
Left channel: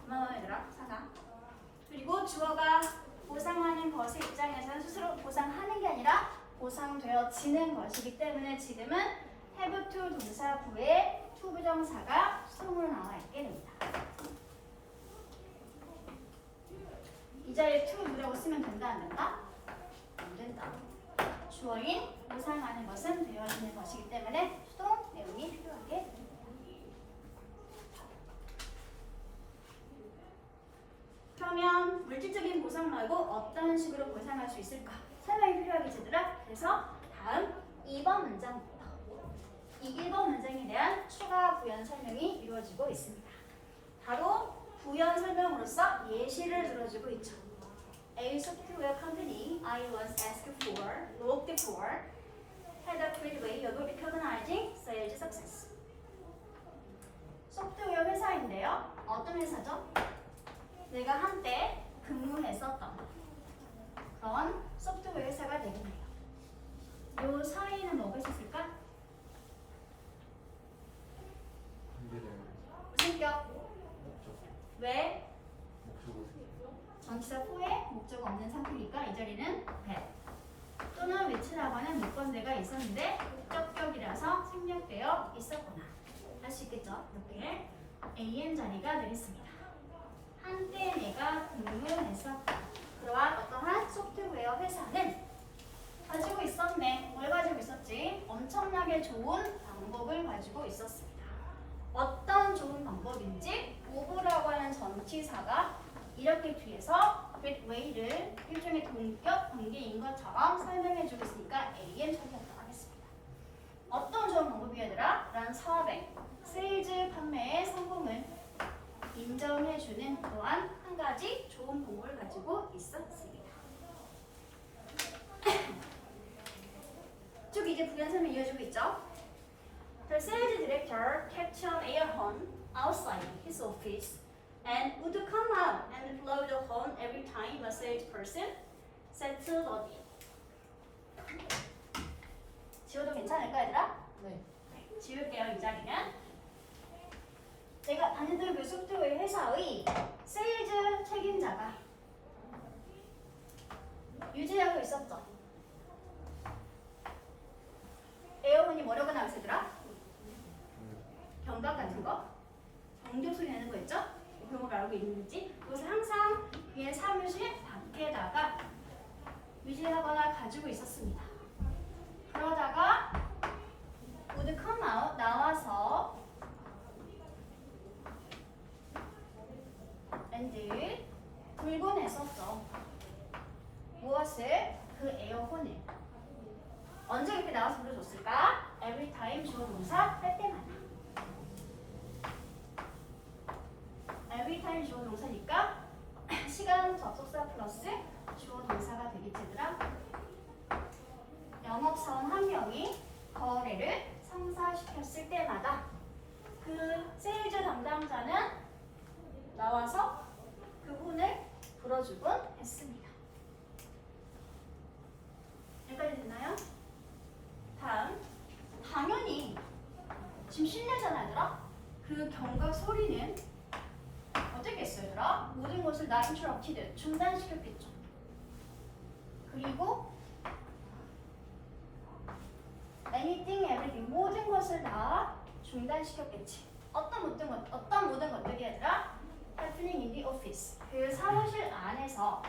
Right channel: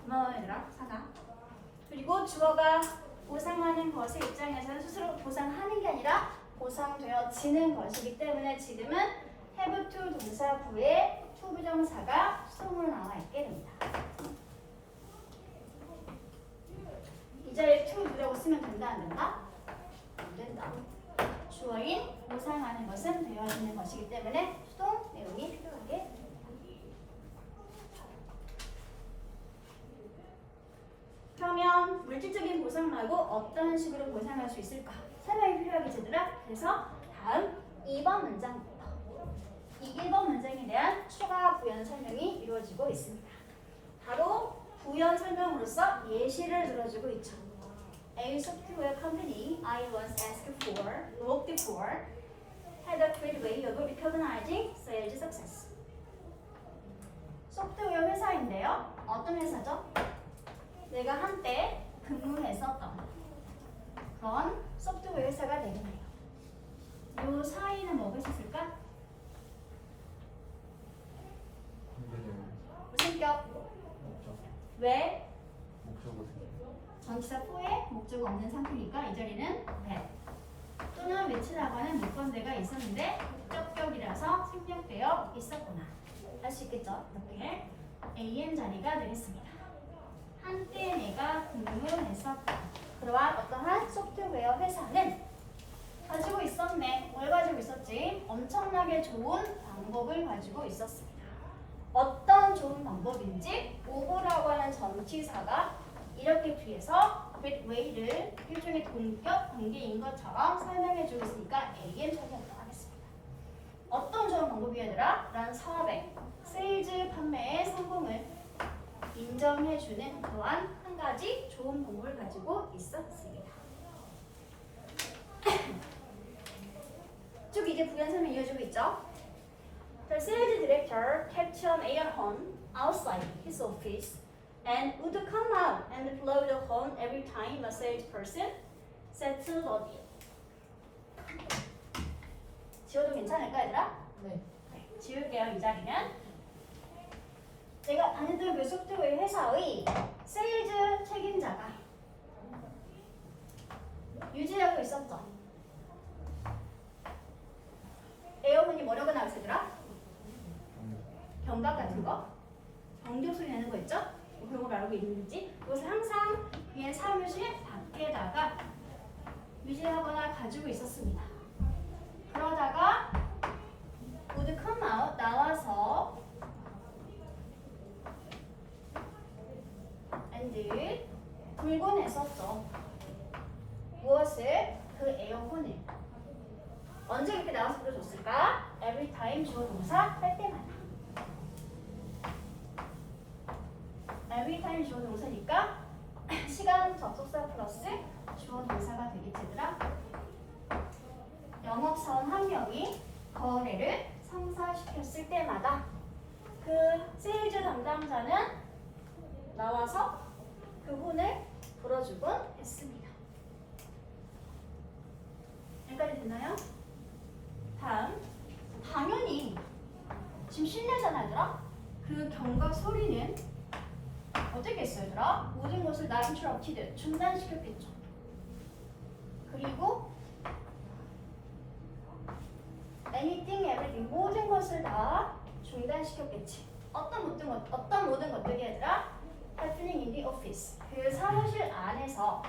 고마워 얘들아. 사과. 그리고 주어가 보상하는 것의 입장에서는 스스로 보상하는 게 아니라 보상되어지는 것이기 때문에 지금은 have to 동사구에 to 부정사가 수동으로 나와 있게 됩니다. 이 자리에 to라고 쓰면 된다 안 된다? 안 된다. 주어인 보상하는 것은 되어지는 것이기 때문에 수동 내용이 필요하게 됩니다. 그러면 물질적인 보상 말고 어떤 식으로 보상할 수 있을까? 설명이 필요하겠지들아. 그래서 다음 2번 문장부터 이 1번 문장에 대한 추가 부연 설명이 이루어지고 있습니다. 바로 부연 설명으로서 예시를 들어주고 있죠. A software company I once worked for had a great way of recognizing sales success. 소프트웨어 회사인데요. 어떤 회사죠? 내가 한때 근무했었던 그런 소프트웨어 회사가 되겠네요. 요 사이는 뭐가 있었을까? 무슨격? 목적. 왜? 목적어 생각. 전치사 후에 목적어 없는 상태니까 이 자리는 that 또는 which라고 하는 물건대가 있었는데 목적격이라서 생략되어 있었구나. 할 수 있겠죠? 이렇게 am 자리가 되겠습니다. 한때 내가 근무했었다. 그러한 어떠한 소프트웨어 회사는 가지고 있었네. 뭘 가지고 있었지? 엄청나게 좋은 방법을 가지고 있었습니다. 어떤 좋은 방법인지 오버라고 하는 전치사가 이렇게 뒤에서 great way를 일종의 동격 관계인 것처럼 설명해주고 있으니까 am 처리하도록 하겠습니다. 어떤 좋은 방법이야 얘들아? 라는 사업의 세일즈 판매의 성공을 인정해주는 또한 한 가지 좋은 방법을 가지고 있었습니다. 쭉 이제 부연 설명 이어지고 있죠. The sales director kept an air horn outside his office and would come out and blow the horn every time a salesperson settled a deal. 지워도 괜찮을까 얘들아? 네. 네, 지울게요. 이 자리는 내가 다니던 그 소프트웨어 회사의 세일즈 책임자가 유지하고 있었죠. 에어컨이 뭐라고 나왔으더라? 경각 같은 거? 경적 소리 내는 거 있죠? 뭐 그런 거 말하고 있는지 그것을 항상 그의 사무실 밖에다가 유지하거나 가지고 있었습니다. 그러다가 would come out 나와서 and 불곤 했었죠. 무엇을? 그 에어컨을. 언제 그렇게 나와서 불러줬을까? Every time 주어 동사 할 때마다. Every time 주어 동사니까 시간 접속사 플러스 주어 동사가 되겠지 얘들아. 영업사원 한 명이 거래를 성사시켰을 때마다 그 세일즈 담당자는 나와서 그분을 불어주곤 했습니다. 여기까지 됐나요? 다음, 당연히 지금 실내잖아 얘들아. 그 경각 소리는 어떻게 했어요 얘들아? 모든 것을 나 interrupted, 중단시켰겠죠. 그리고 anything, everything, 모든 것을 다 중단시켰겠지. 어떤 모든 것들이 얘들아? happening in the office, 그 사무실 안에서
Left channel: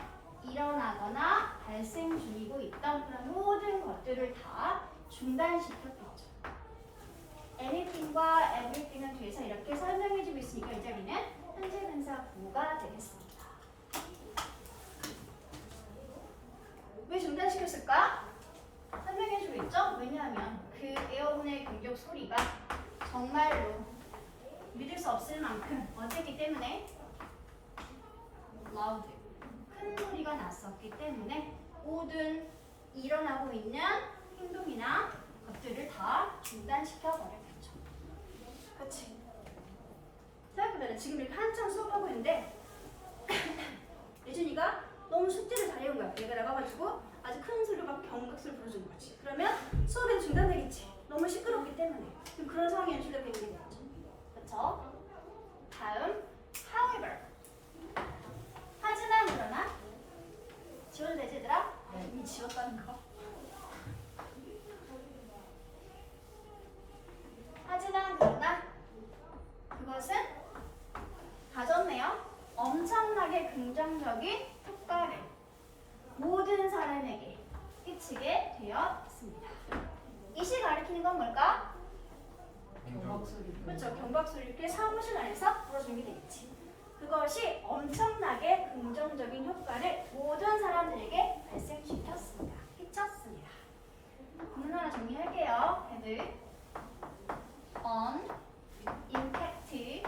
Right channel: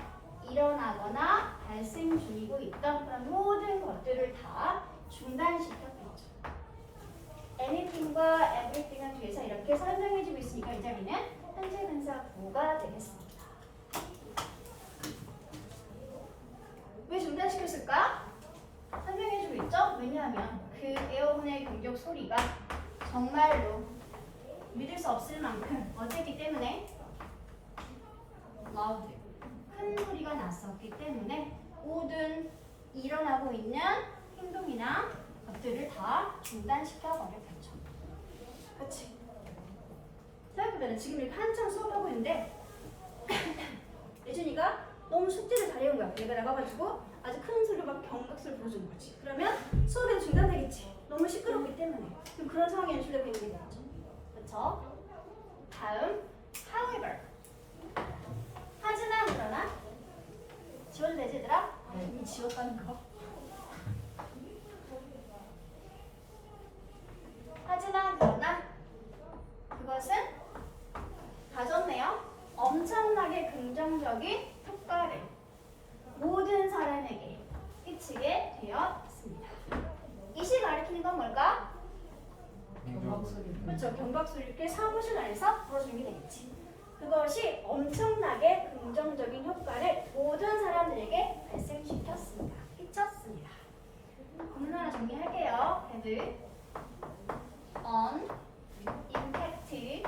일어나거나 발생 중이고 있던 그런 모든 것들을 다 중단시켰겠죠. anything과 everything은 뒤에서 이렇게 설명해주고 있으니까 이 자리는 현재 분사 부가 되겠습니다. 왜 중단시켰을까? 설명해주고 있죠? 왜냐하면 그 에어컨의 경적 소리가 정말로 믿을 수 없을 만큼 어쨌기 때문에 loud, 큰 소리가 났었기 때문에 모든 일어나고 있는 행동이나 것들을 다 중단시켜 버렸겠죠. 그렇지? 생각해보면 지금 이렇게 한참 수업하고 있는데 예준이가 너무 숙제를 잘해온 거야. 얘가 나가가지고 아주 큰 소리로 막 경각소리 불어주는 거지. 그러면 수업이 중단되겠지. 너무 시끄럽기 때문에. 그럼 그런 상황이 연출되고 있는 거죠. 그렇죠? 다음, however. 하지만 그러나 지워도 되지 얘들아? 이미 지웠다는 거. 하지만 그러나 그것은 가졌네요. 엄청나게 긍정적인 효과를 모든 사람에게 끼치게 되었습니다. 이시 가리키는 건 뭘까? 경박 소리. 그렇죠. 경박소리 이렇게 사무실 안에서 불어주는 게 되겠지. 그것이 엄청나게 긍정적인 효과를 모든 사람들에게 발생시켰습니다. 끼쳤습니다. 구문 하나 정리할게요. 헤드 on impact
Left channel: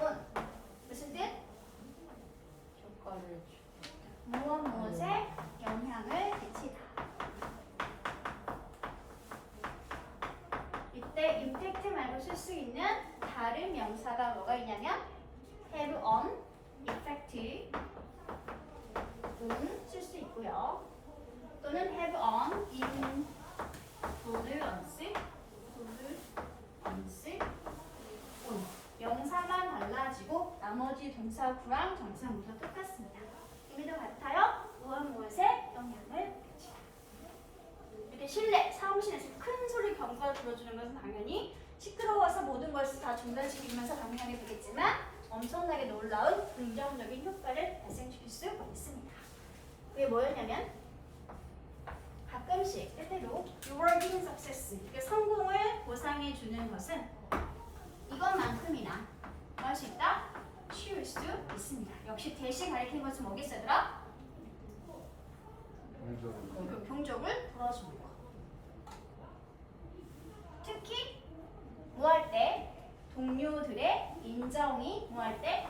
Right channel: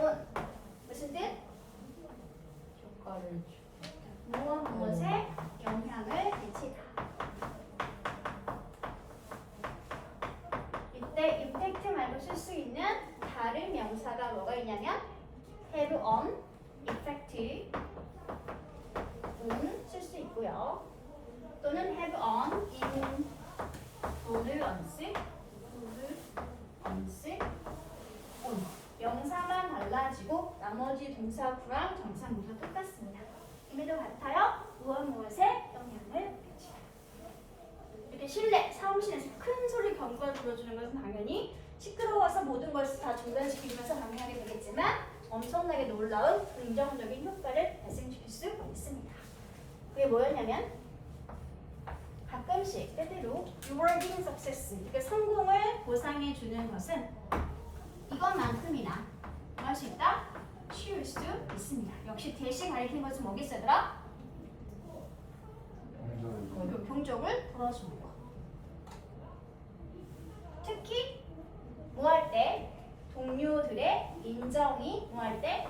on 무슨 뜻? 효과를 무엇에 영향을 끼치다. 이때 impact 말고 쓸 수 있는 다른 명사가 뭐가 있냐면 have on effect 쓸 수 있고요. 또는 have on influence on. 명사만 달라지고 나머지 동사구랑 정사구가 똑같습니다. 의미도 같아요. 무엇에 영향을 끼치다. 이렇게 실내, 사무실에서 큰 소리 경과를 불어주는 것은 당연히 시끄러워서 모든 것을 다 중단시키면서 방해하게 되겠지만 엄청나게 놀라운 긍정적인 효과를 발생시킬 수 있습니다. 그게 뭐였냐면 가끔씩 때때로 rewarding success, 이렇게 성공을 보상해 주는 것은 이것만큼이나 뭐 할 수 있다? 쉬울 수 있습니다. 역시 대시 가리키는 것은 뭐겠어 얘들아? 그 경적을 불어주는 거. 특히 뭐 할 때? 동료들의 인정이 뭐 할 때?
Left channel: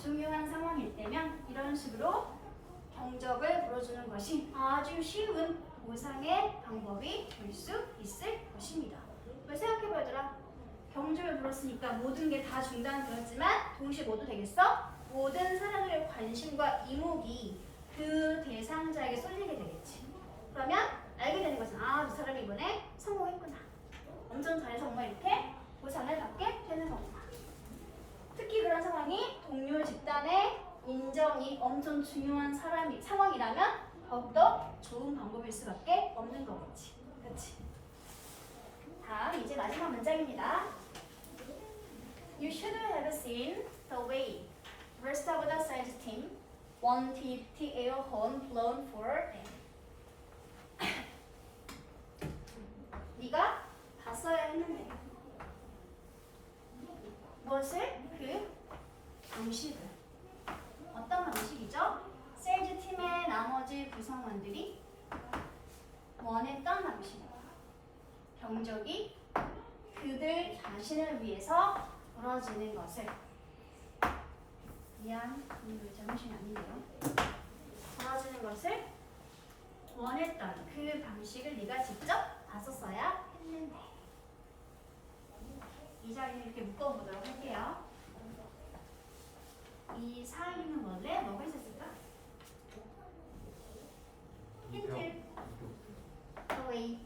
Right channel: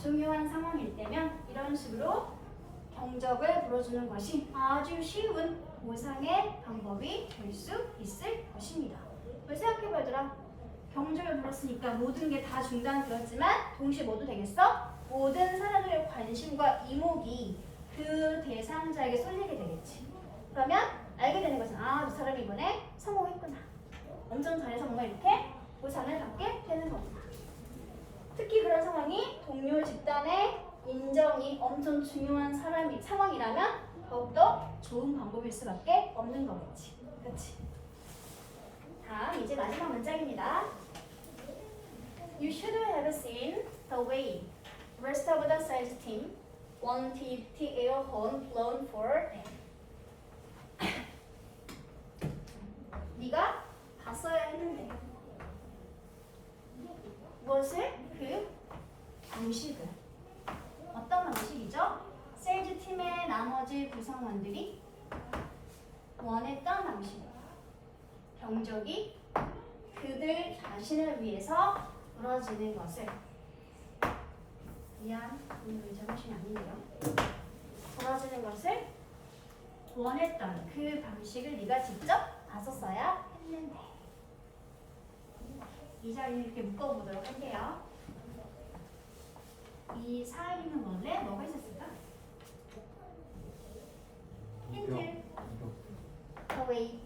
중요한 상황일 때면 이런 식으로 경적을 불어주는 것이 아주 쉬운 보상의 방법이 될 수 있을 것입니다. 왜 생각해봐 얘들아. 경적을 불었으니까 모든 게 다 중단되었지만 동시에 모두 되겠어? 모든 사람들의 관심과 이목이 그 대상자에게 쏠리게 되겠지. 그러면 알게 되는 것은 아, 이 사람이 이번에 성공했구나. 엄청 잘해서 뭔가 이렇게 보상을 받게 되는 거구나. 특히 그런 상황이 동료 집단의 인정이 엄청 중요한 상황이라면 더욱더 좋은 방법일 수밖에 없는 거겠지. 그렇지? 다음 이제 마지막 문장입니다. You should have seen the way the rest of the sales team wanted the air horn blown for them. 그 방식을 어떤 방식이죠? 세일즈 팀의 나머지 구성원들이 원했던 방식입니다. 경적이 그들 자신을 위해서 벌어지는 것을 미안, 오늘 제정신이 아닌데요. 벌어지는 것을 원했던 그 방식을 네가 직접 나섰어야 했는데 이 자리를 이렇게 묶어보도록 할게요. 이 사이는 원래 뭐가 있었을까? 힌트. away.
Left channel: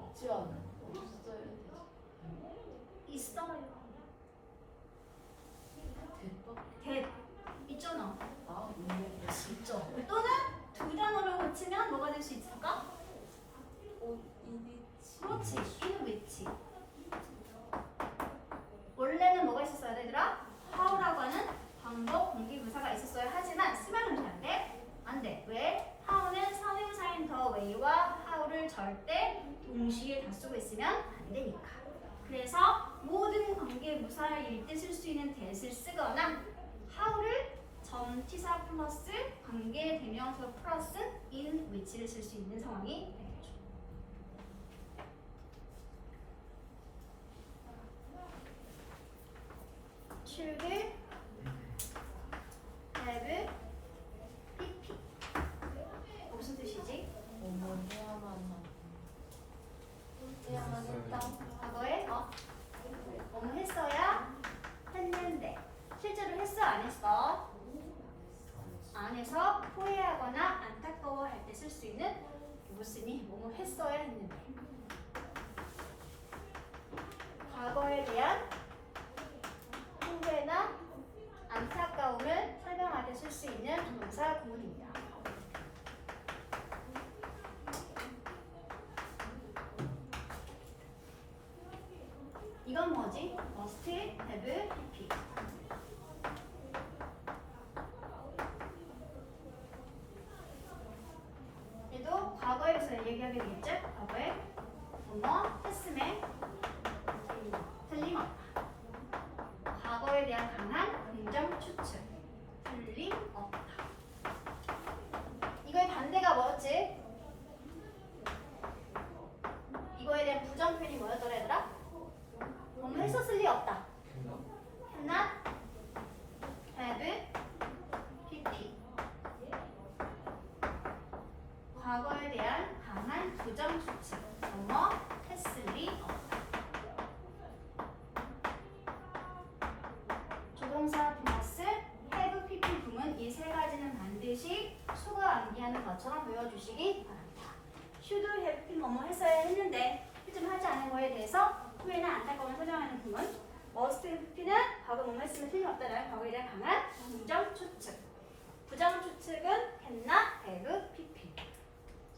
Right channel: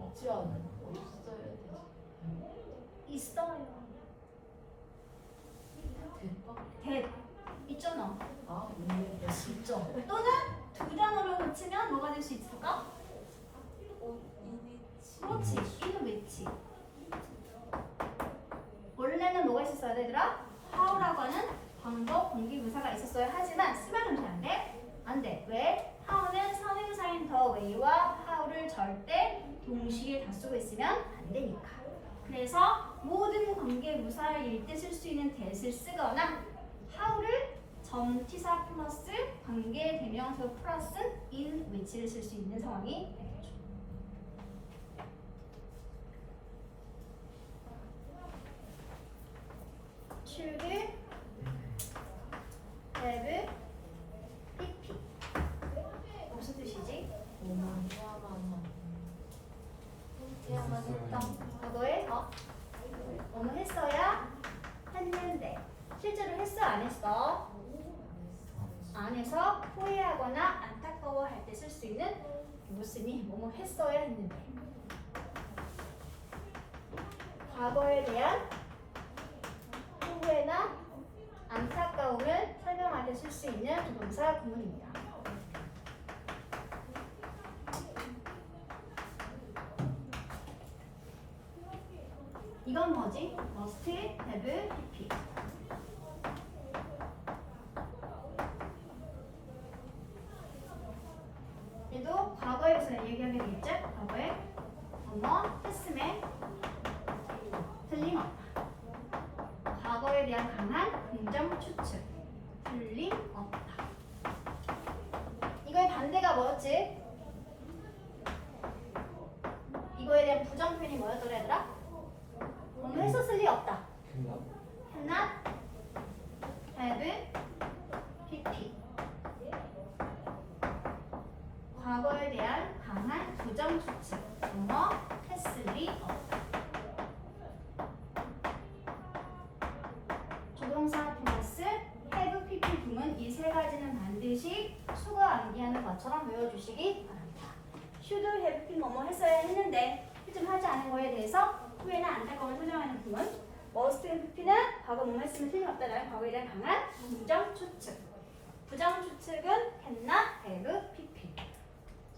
없지 않은 없어야 되지. 있어요. 대박. that 있잖아. 아 있네. 진짜. 또는 두 단어로 고치면 뭐가 될 수 있을까? 이비치. 그렇지. in which. 원래는 뭐가 있었어야 되더라? how라고 하는 방법 공기부사가 있었어야 하지만 쓰면 안 돼? 안 돼. 왜? how는 선행사인 the way와 how를 절대 동시에 다 쓰고 있으면 안 되니까. 그래서 모든 관계부사일 때 쓸 수 있는 that을 쓰거나 how를 점티사 플러스 관계대명사 플러스 in which를 쓸 수 있는 상황이 되겠죠. should, have, pp 무슨 뜻이지? 해야만 했다. 과거에 뭐뭐 했어야 했는데 실제로 했어 안 했어? 안 해서 후회하거나 안타까워할 때 쓸 수 있는 무슨이 뭐뭐 했어야 했는데 과거에 대한 후회나 안타까움을 설명할 때 쓸 수 있는 조동사 구문입니다. 이건 뭐지? must, have, pp. 얘도 과거에서 얘기하게 되겠죠? 과거에 뭐뭐 했음에 틀림없다. 과거에 대한 강한 긍정 추측. 틀림없다. 이거의 반대가 뭐였지? 이거에 대한 부정 표현이 뭐였더라 얘들아? 뭐뭐 했었을 리 없다. 했나? have, pp. 과거에 대한 강한 부정 추측. 뭐뭐 했을 리 없다. 조동사 플러스 have, pp 부문 이 세 가지는 반드시 수거 암기하는 것처럼 외워주시기 바랍니다. should, have, pp 뭐뭐 했어야 했는데 실제 하지 않은 거에 대해서 후회나 안타까움을 설명하는 부분. must, have, pp는 과거 뭐뭐 했으면 틀림없다라는 과거에 대한 강한 부정 추측. 부정 추측은 했나, have, pp.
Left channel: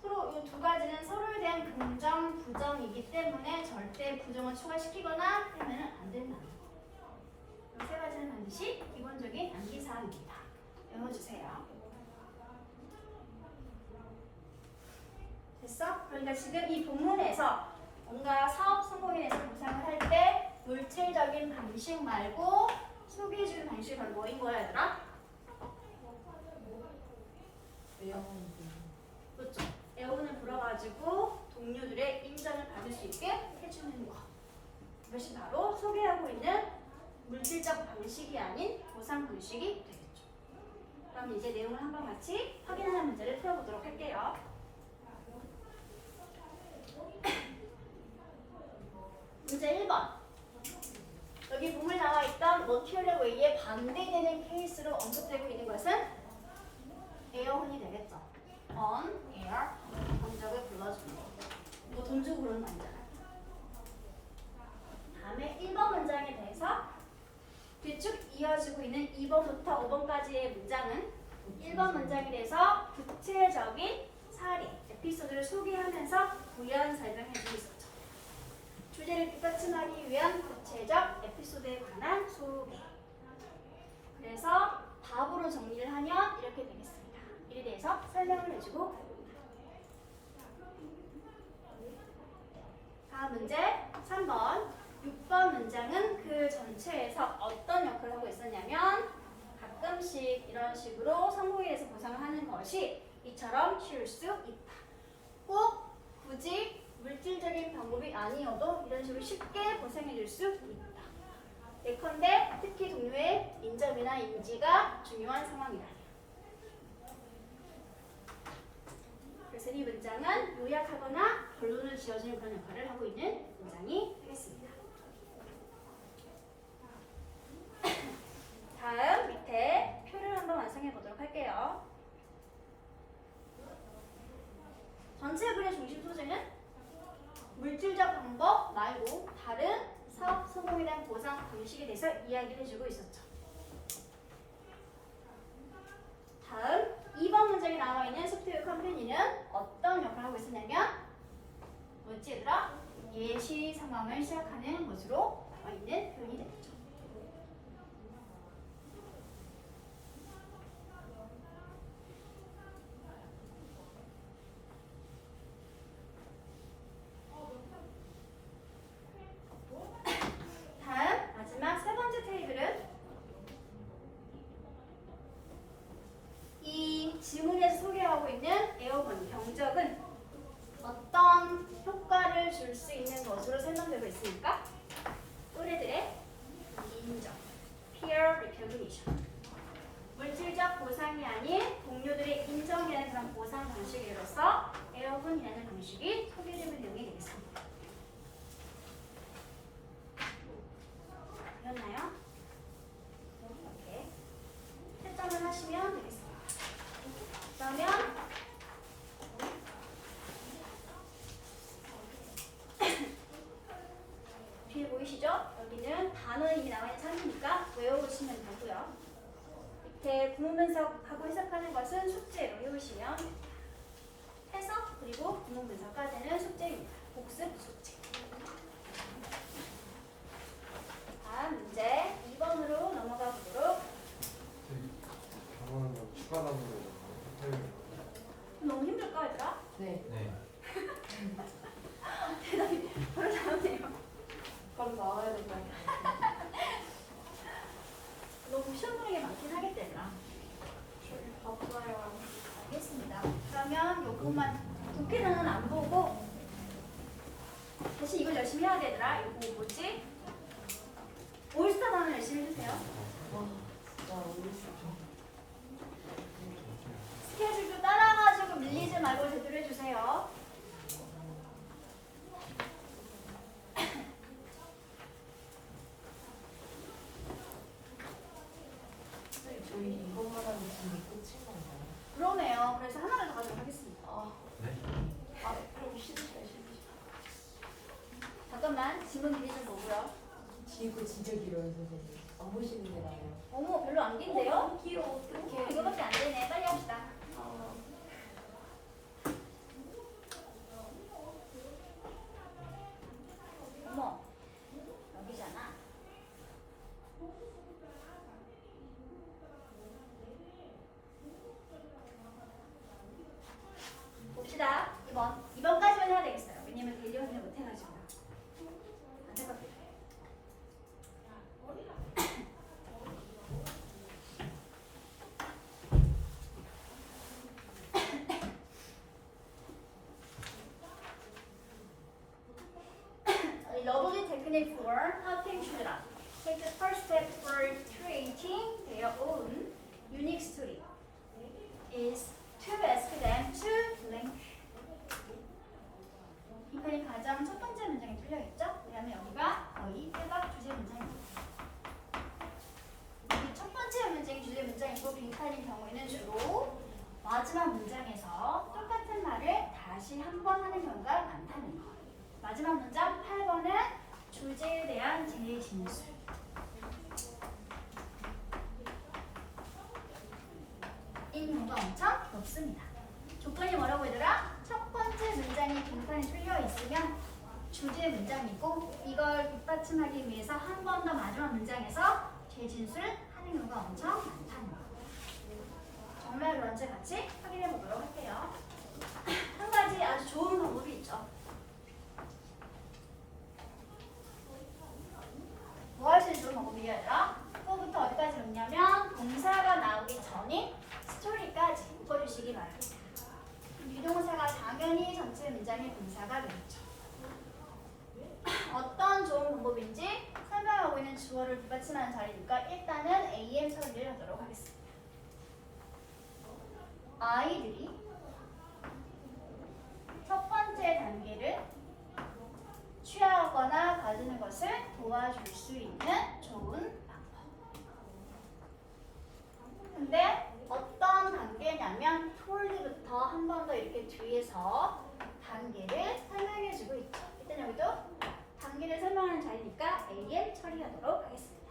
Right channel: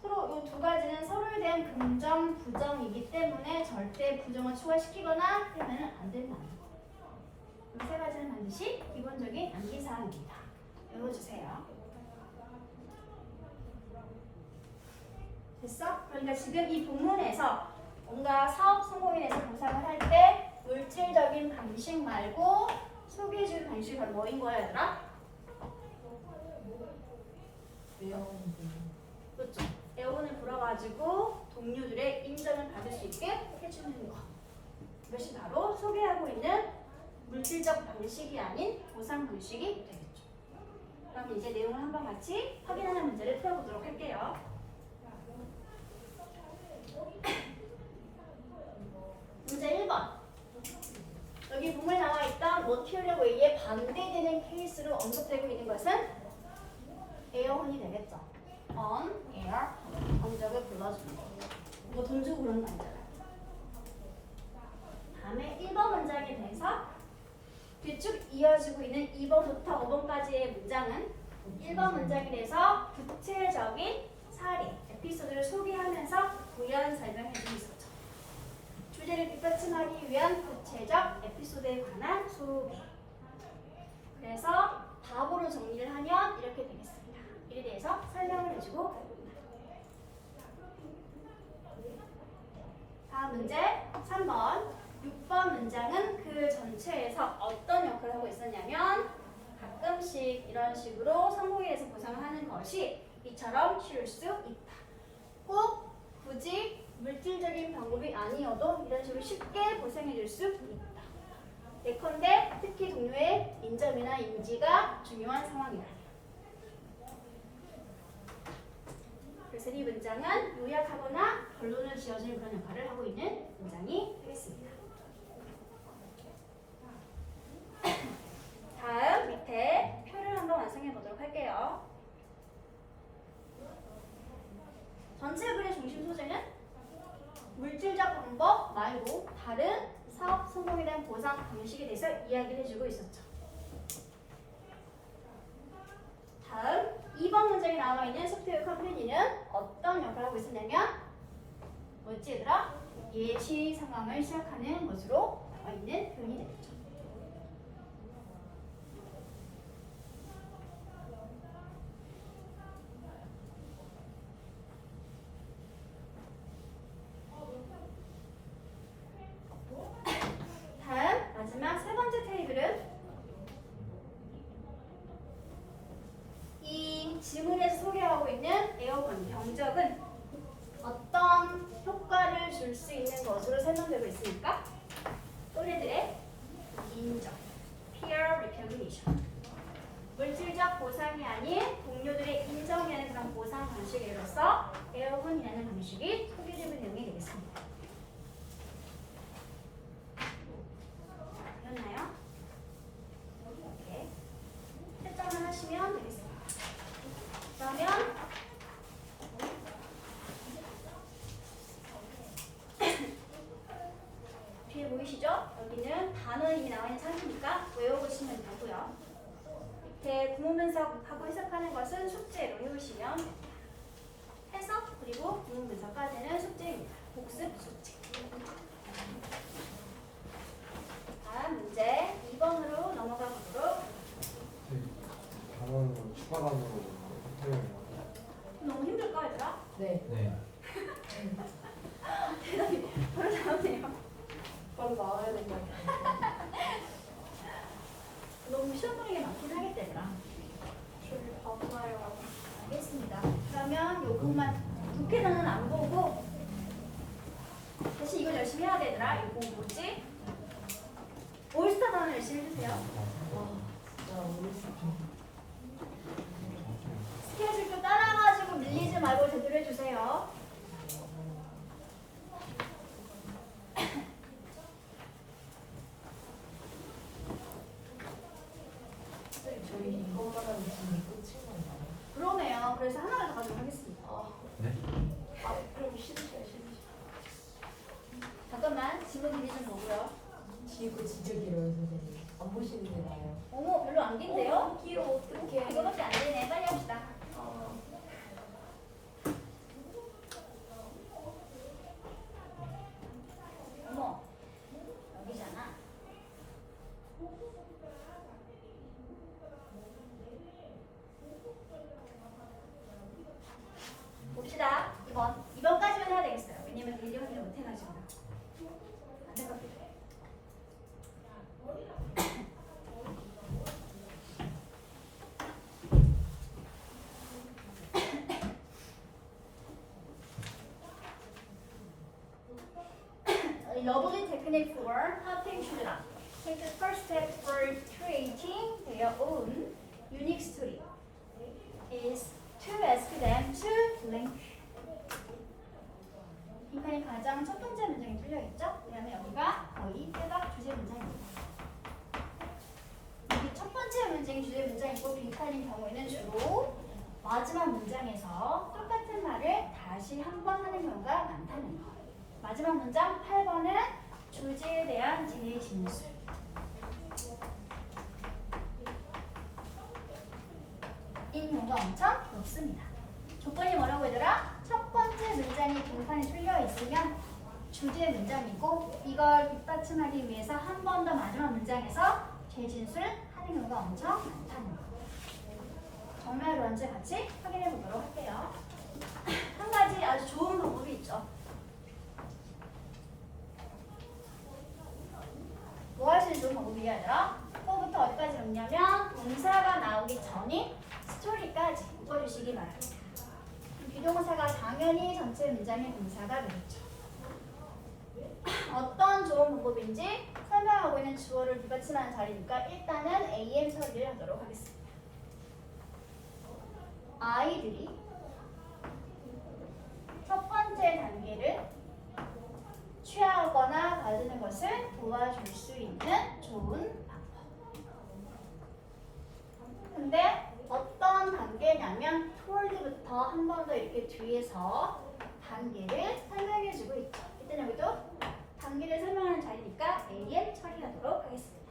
서로 이 두 가지는 서로에 대한 긍정, 부정이기 때문에 절대 부정을 추가시키거나 하면 안 된다. 이 세 가지는 반드시 기본적인 암기사항입니다. 외워주세요. 됐어? 그러니까 지금 이 본문에서 뭔가 사업 성공에 대해서 보상을 할 때 물질적인 방식 말고 소개해주는 방식이 바로 뭐인 거야 얘들아? 외워는데. 그렇죠. 애원을 불어가지고 동료들의 인정을 받을 수 있게 해주는 거. 이것이 바로 소개하고 있는 물질적 방식이 아닌 보상 방식이 되겠죠. 그럼 이제 내용을 한번 같이 확인하는 문제를 풀어보도록 할게요. 문제 1번. 여기 본문에 나와 있던 material way에 반대되는 케이스로 언급되고 있는 것은 에어혼이 되겠죠. on, air, 언적을 불러주는 거. 뭐 돈 주고 그런 거 아니잖아요. 다음에 1번 문장에 대해서 뒤쭉 이어지고 있는 2번부터 5번까지의 문장은 1번 문장에 대해서 구체적인 사례, 에피소드를 소개하면서 부연 설명해주고 있었죠. 주제를 뒷받침하기 위한 구체적 에피소드에 관한 소개. 그래서 답으로 정리를 하면 이렇게 되겠습니다. 이에 대해서 설명을 해주고 다음 문제 3번 6번 문장은 그 전체 전체에서 어떤 역할을 하고 있었냐면 가끔씩 이런 식으로 성공에 대해서 보상을 하는 것이 이처럼 쉬울 수 있다. 꼭 굳이 물질적인 방법이 아니어도 이런 식으로 쉽게 보상해 줄 수 있다. 예컨대 특히 동료의 인정이나 인지가 중요한 상황이다. 그래서 이 문장은 요약하거나 결론을 지어주는 그런 역할을 하고 있는 문장이 되겠습니다. 다음 밑에 표를 한번 완성해 보도록 할게요. 전체 글의 중심 소재는 물질적 방법 말고 다른 사업 성공에 대한 보상 방식에 대해서 이야기를 해주고 있었죠. 다음 2번 문장에 나와 있는 소프트웨어 컴퍼니는 어떤 역할을 하고 있었냐면 뭐지 얘들아? 예시 상황을 시작하는 것으로 나와 있는 표현이 되겠죠. 다음 마지막 세 번째 테이블은 이 지문에서 소개하고 있는 에어건 경적은 어떤 효과를 줄 수 있는 것으로 설명되고 있으니까 또래들의 인정, peer recognition, 물질적 보상이 아닌 동료들의 인정이라는 그런 보상 방식으로서 에어건이라는 방식이 소개되는 내용이 되겠습니다. 되었나요? 이렇게 채점을 하시면 되겠습니다. 그러면 뒤에 보이시죠? 여기는 단어 이미 나와 있는 상태니까 외워보시면 되고요. 밑에 구문 분석하고 해석하는 것은 숙제로 해오시면 해석 그리고 구문 분석까지는 숙제입니다. 복습 숙제. 다음 문제 2번으로 넘어가 보도록. 단어는 추가하는 거잖아요. 너무 힘들까 얘들아? 네. 네. 대답이 바로 나오네요. 바로 나와야 된다. 너무 시험 보는 게 많긴 하겠다 얘들아. 저기 바보나요. 알겠습니다. 그러면 요거만 독해 단어는 안 보고 대신 이걸 열심히 해야 되더라. 이거 뭐지? 올스타 단어 열심히 해주세요. 와, 진짜 어렸을 스케줄표 따라가지고 밀리지 말고 제대로 해주세요. 때 저희 이거 하다가 무슨 끝인 건가요? 그러네요. 그래서 하나를 더 가지고 하겠습니다. 네? 그럼 싫으셔. 잠깐만 지문 길이 좀 보고요. 지구 진짜 길어요, 선생님. 안 보시는 게 나아요. 어머 별로 안 긴데요? 너무 길어, 어떡해. 이거밖에 안 되네. 빨리 합시다. 어머 여기잖아. 봅시다. 2번까지만 해야 되겠어요. 왜냐면 대리 확인을 못 해가지고. 안 될 것 같아요. A lovely technique for helping children take the first step for creating their own unique story is to ask them to link. 빈칸이 가장 첫 번째 문장이 틀려있죠? 왜냐면 여기가 거의 빼박 주제 문장입니다. 여기 첫 번째 문장이 주제 문장이고 빈칸인 경우에는 주로 마지막 문장에서 똑같은 말을 다시 한 번 하는 경우가 많다는 거. 마지막 문장 8번은 주제에 대한 진의 진술. 인 경우가 엄청 높습니다. 조건이 뭐라고 얘들아? 첫 번째 문장이 빈칸이 뚫려 있으면 주제 문장이고 이걸 뒷받침하기 위해서 한 번 더 마지막 문장에서 재진술 하는 경우가 엄청 많다는 거. 정말 그런지 같이 확인해 보도록 할게요. 한 가지 아주 좋은 방법이 있죠. 뭐 할 수 있는 좋은 방법이요? 원인 스토리까지 묶어주시기 바랍니다. 비동사가 당연히 전체 문장의 동사가 되겠죠. 어떤 좋은 방법인지 설명하고 있는 주어를 뒷받침하는 자리니까 일단은 AM 처리를 하도록 하겠습니다. 아이들이 첫 번째 단계를 취하거나 가르는 것을 도와줄 수 있는 좋은 방법. 근데 어떤 단계냐면 towards부터 한 번 더 이렇게 뒤에서 단계를 설명해주고 있죠. 일단 여기도 단계를 설명하는 자리니까 AM 처리하도록 하겠습니다.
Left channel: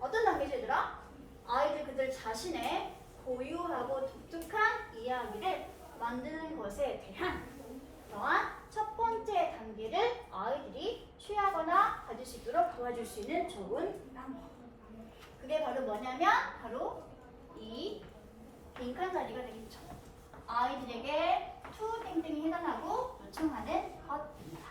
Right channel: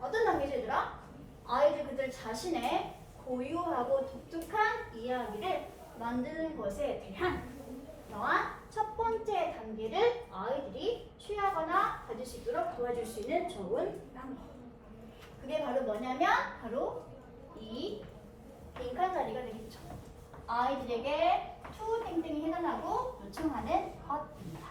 어떤 단계죠, 얘들아? 아이들 그들 자신의 고유하고 독특한 이야기를 만드는 것에 대한 이러한 첫 번째 단계를 아이들이 취하거나 가질 수 있도록 도와줄 수 있는 좋은 방법. 그게 바로 뭐냐면 바로 이 빈칸 자리가 되겠죠. 아이들에게 to 땡땡이 해달라고 요청하는 것입니다.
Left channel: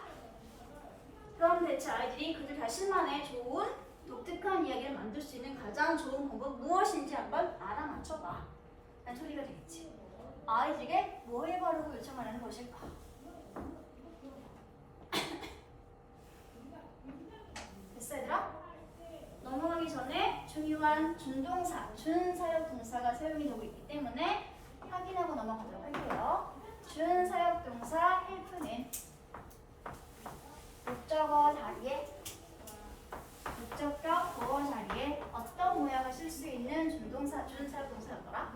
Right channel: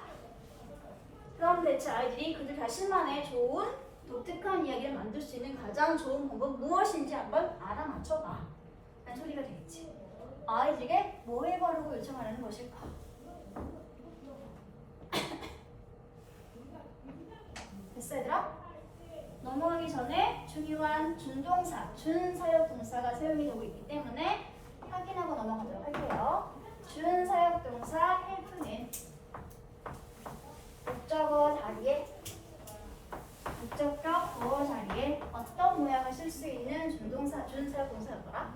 그럼 대체 아이들이 그들 자신만의 좋은 독특한 이야기를 만들 수 있는 가장 좋은 방법 무엇인지 한번 알아맞혀봐 라는 소리가 되겠지. 아이들에게 뭐 해보라고 요청하라는 것일까? 됐어 얘들아? 넘어가기 전에 중요한 준동사, 준사역 동사가 사용이 되고 있기 때문에 확인하고 넘어가도록 할게요. 준사역 동사 help는 목적어 자리에 목적격 보어 자리에 어떤 모양을 쓸 수 있는 준동사, 준사역 동사였더라?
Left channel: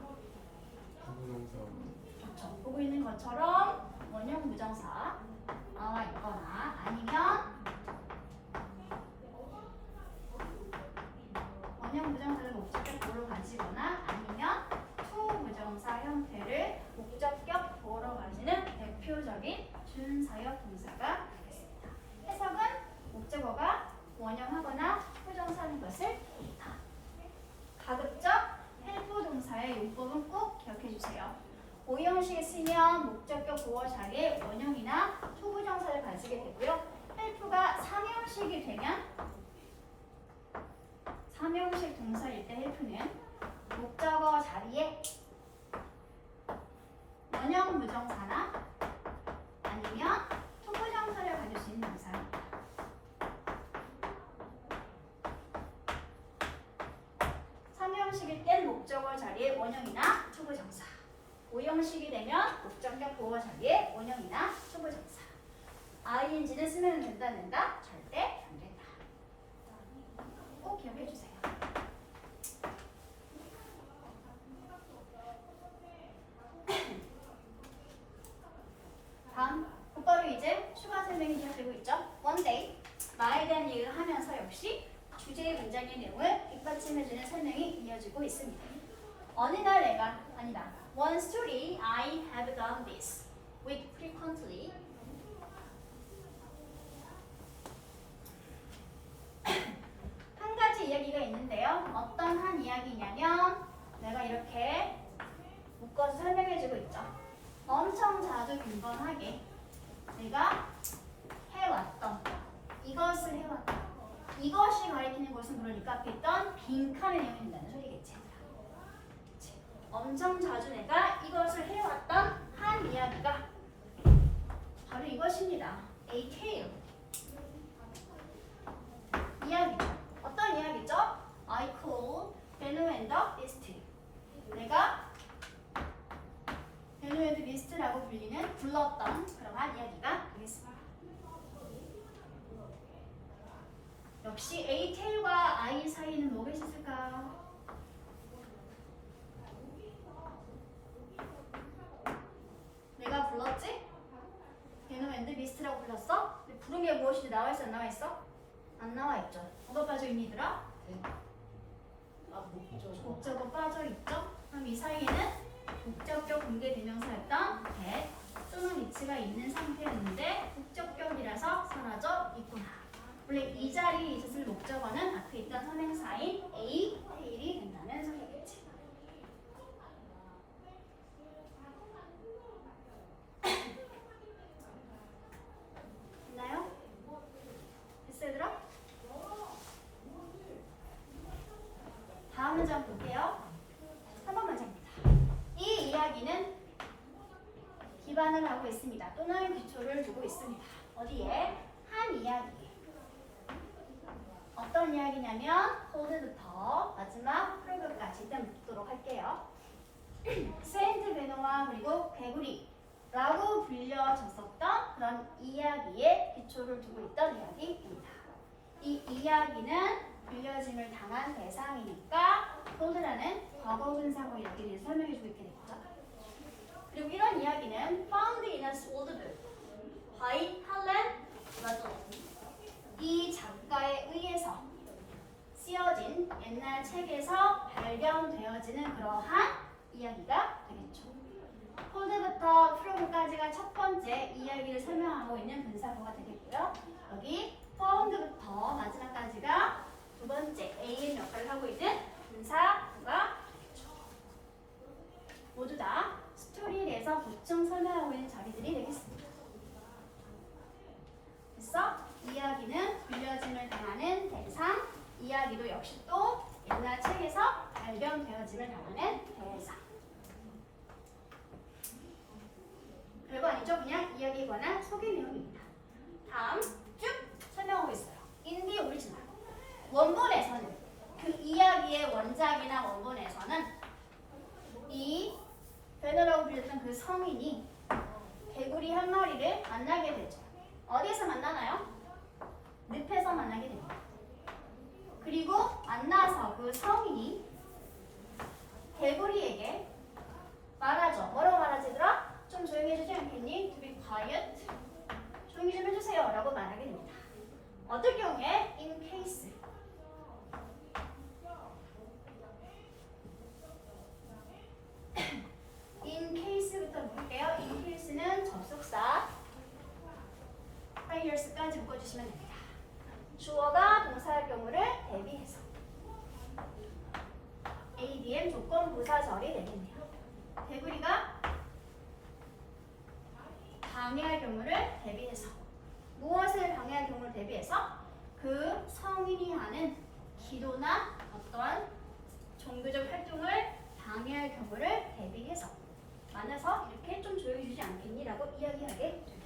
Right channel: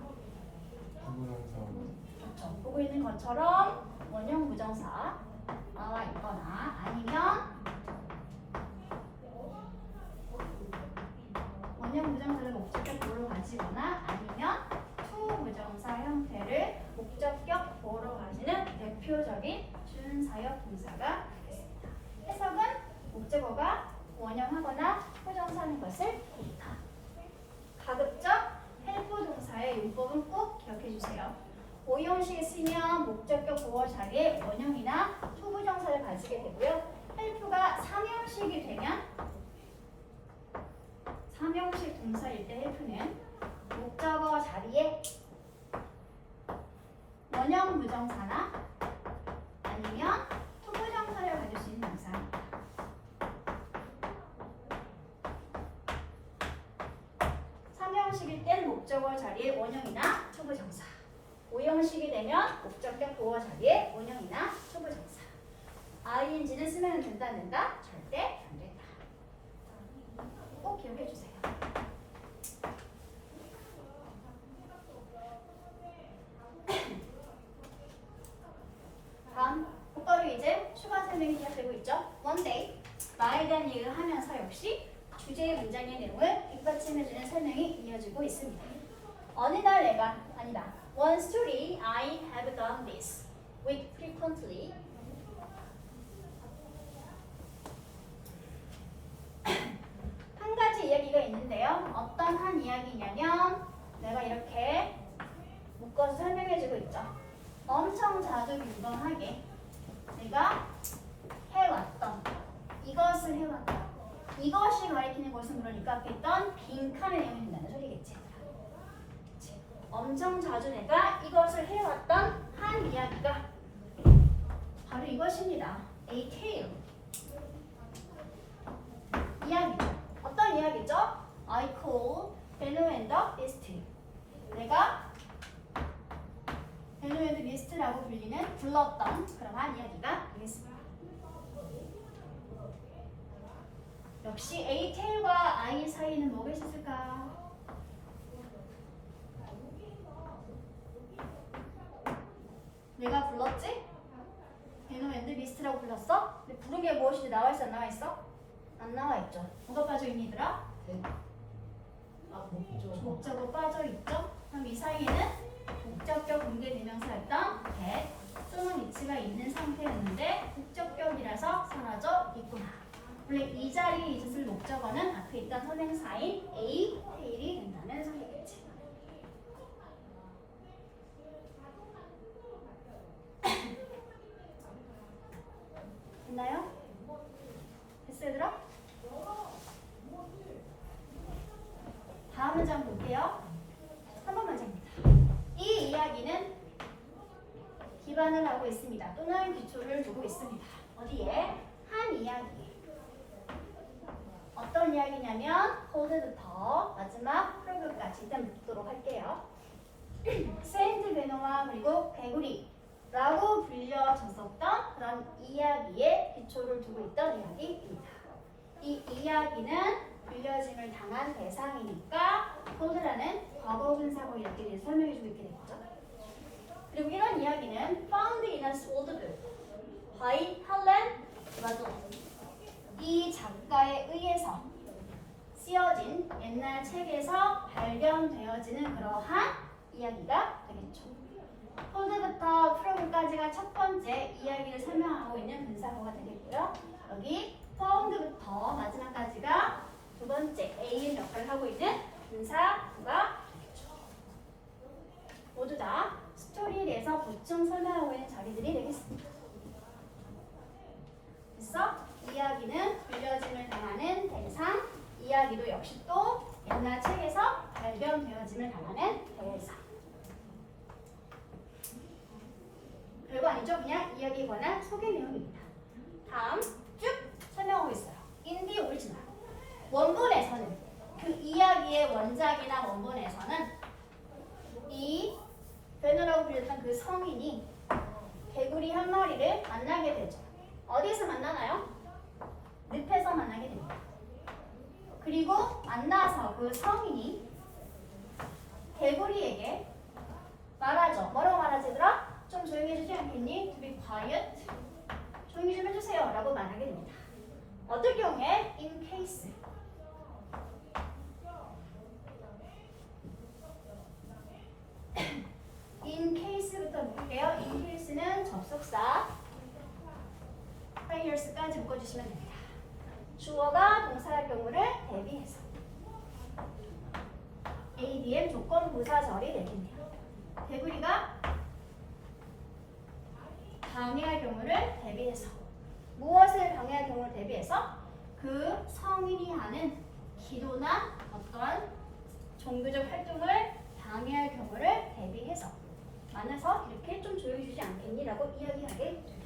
그렇죠. 보고 있는 것처럼 원형 부정사 나와 있거나 아니면 원형 부정사를 목적격 보어로 가지거나 아니면 to 부정사 형태를 목적격 보어로 가지는 대표적인 준사역 동사가 있습니다. 해석은 목적어가 원형하거나 부정사하는 것을 보다. 가급적 help 동사의 용법은 꼭 기억해 주세요. 오형식에 쓰면 목적격 보어 자리에 원형이나 to 부정사를 가지게 되고요. help가 3형식이 되면 3형식 동사일 때 help는 목적어 자리에 원형 부정사나 아니면 to 부정사를 가질 수 있는 동사입니다. 3형식일 땐 목적어 자리에 원형이나 to 부정사, 5형식이 되면 목적격 보어 자리에 원형이나 to 부정사. ing는 쓰면 된다 안 된다? 절대 안 된다. 꼭 기억해 주세요. 다음 곧바로 이제 추가 설명이 시작되고 있죠. One day 나에 대한 얘기를 하면서 역시 주제의 문장의 내용을 뒷받침해주는 설명이 이어지고 있습니다. 어느 날 내가 아니다. One story I have done this with frequently. 한 가지 이야기가 있는데요. 어떤 한 이야기냐면 내가 이렇게 묶어서 설명해주고 있죠. 엄청 자주 빈번하게 내가 해왔던 이것을 해왔던 이것이 가리키는 것은 그러니까 앞에 있던 빈칸의 내용이 된다는 소리겠지. 그치? 엄청 자주 내가 이것을 해왔던 한 이야기가 바로 이것입니다. A tale. 이야기죠. 어떤 이야기죠? I call Bello and the Beast. 내가 벨로 앤드 비스트라고 불렀던 그러한 이야기가 되겠습니다. 역시 A 테일과 I 사이에는 뭐가 있을까? 내가 불렀지? 벨로 앤드 비스트라고 불렀어? 근데 부른 게 무엇인지 나와 있어 안 나와 있어? 안 나와 있죠. 뭐가 빠져 있니 얘들아? 목적어 빠져 있죠? 그럼 이 사이에는 목적격 공개대명사였던 that 또는 위치가 있는 상태였는데 목적격이라서 사라져 있구나. 원래 이 자리에 있었을 목적어는 앞에 있던 선행사인 A, 테일이 된다는 소리겠지. 됐나요? 됐어 얘들아? 다음 문장 볼게요. 기반을 하고 있습니다. 또는 기초를 두고 있습니다. 어디에? 한 이야기에. 어떤 이야기냐면 홀드부터 마지막 프로그까지 일단 묶도록 할게요. 세인트 베노와 그리고 개구리라고 불려졌었던 그런 이야기에 기초를 두고 있던 이야기입니다. 이 이야기는 불려짐을 당한 대상이니까 홀드라는 과거분사고 이렇게 대해서 설명해주고 있게 되겠죠. 그리고 이런 이야기는 found in a old book by Helen Madoff. 이 작가에 의해서 쓰여진 옛날 책에서 발견되어지는 그러한 이야기가 되겠죠. 홀드부터 프로그까지가 첫 번째 이야기를 설명하고 있는 분사구가 되겠고요. 여기 found부터 마지막까지가 두 번째 A의 역할을 하고 있는 분사구가 되겠죠. 모두 다 스토리에 대해서 보충 설명하고 있는 자리들이 되겠습니다. 그래서 이야기는 불려짐을 당하는 대상, 이야기도 역시 또 옛날 책에서 발견되어짐을 당하는 대상. 별거 아니죠? 그냥 이야기에 관한 소개 내용입니다. 다음 쭉 설명하고 있어요. In the original. 원본에서는 그 이야기의 원작이나 원본에서는 이 베너라고 불렸던 그 성인이 개구리 한 마리를 만나게 되죠. 어디서 만나나요? 늪에서 만나게 됩니다. 그리고 만나서 그 성인이 개구리에게 말하죠. 뭐라고 말하지 얘들아? 좀 조용히 해주지 않겠니? To be quiet. 조용히 좀 해주세요 라고 말하게 됩니다. 어떨 경우에 in case in case부터 볼게요. in case는 접속사 prayer's까지 묶어주시면 됩니다. 주어가 동사할 경우를 대비해서 ADM 조건 부사절이 되겠네요. 개구리가 방해할 경우를 대비해서 무엇을 방해할 경우를 대비해서 그 성인이 하는 기도나 어떤 종교적 활동을 방해할 경우를 대비해서 만나서 이렇게 좀 조용히 주지 않겠니? 라고 이야기하게 됩니다.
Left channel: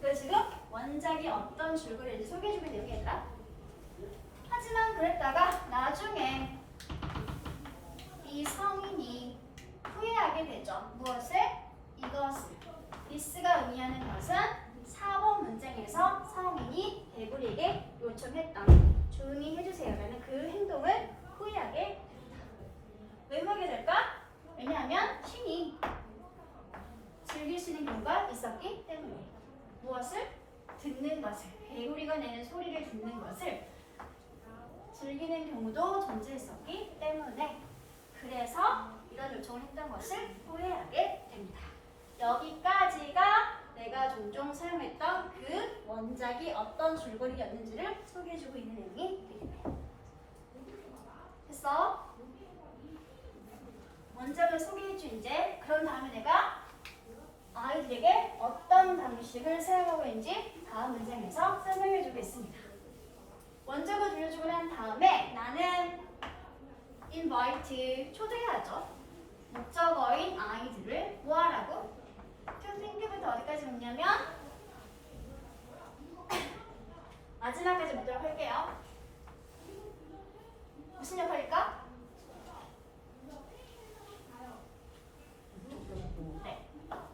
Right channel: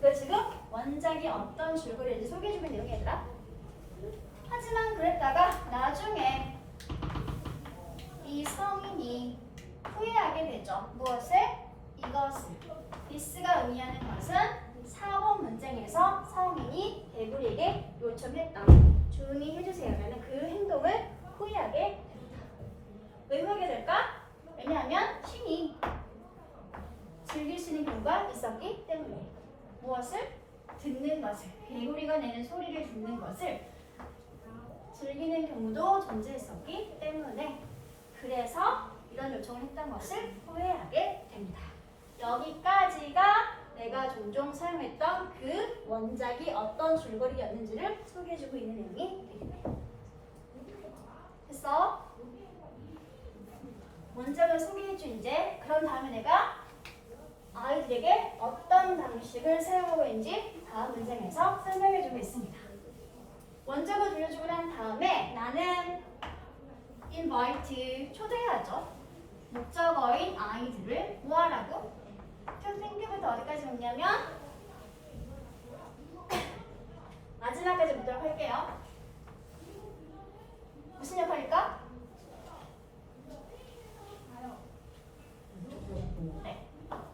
그 지금 원작이 어떤 줄거리인지 소개해주는 내용이 얘들아. 하지만 그랬다가 나중에 이 성인이 후회하게 되죠. 무엇을? 이것을. 디스가 의미하는 것은 사본 문장에서 성인이 개구리에게 요청했던 조용히 해주세요라는 그 행동을 후회하게 됩니다. 왜 후회하게 될까? 왜냐하면 신이 즐길 수 있는 경우가 있었기 때문에. 무엇을? 듣는 것을. 개구리가 내는 소리를 듣는 것을 즐기는 경우도 존재했었기 때문에 그래서 이런 요청을 했던 것을 후회하게 됩니다. 여기까지가 내가 종종 사용했던 그 원작이 어떤 줄거리였는지를 소개해주고 있는 내용이 되겠네요. 됐어? 원작을 소개해줘 이제. 그런 다음에 내가 아이들에게 어떤 방식을 사용하고 있는지 다음 문장에서 설명해주고 있습니다. 원작을 들려주고 난 다음에 나는 invite, 초대하죠. 목적어인 아이들을 뭐하라고? to think부터 어디까지 묻냐면 마지막까지 묻도록 할게요. 무슨 역할일까? 네,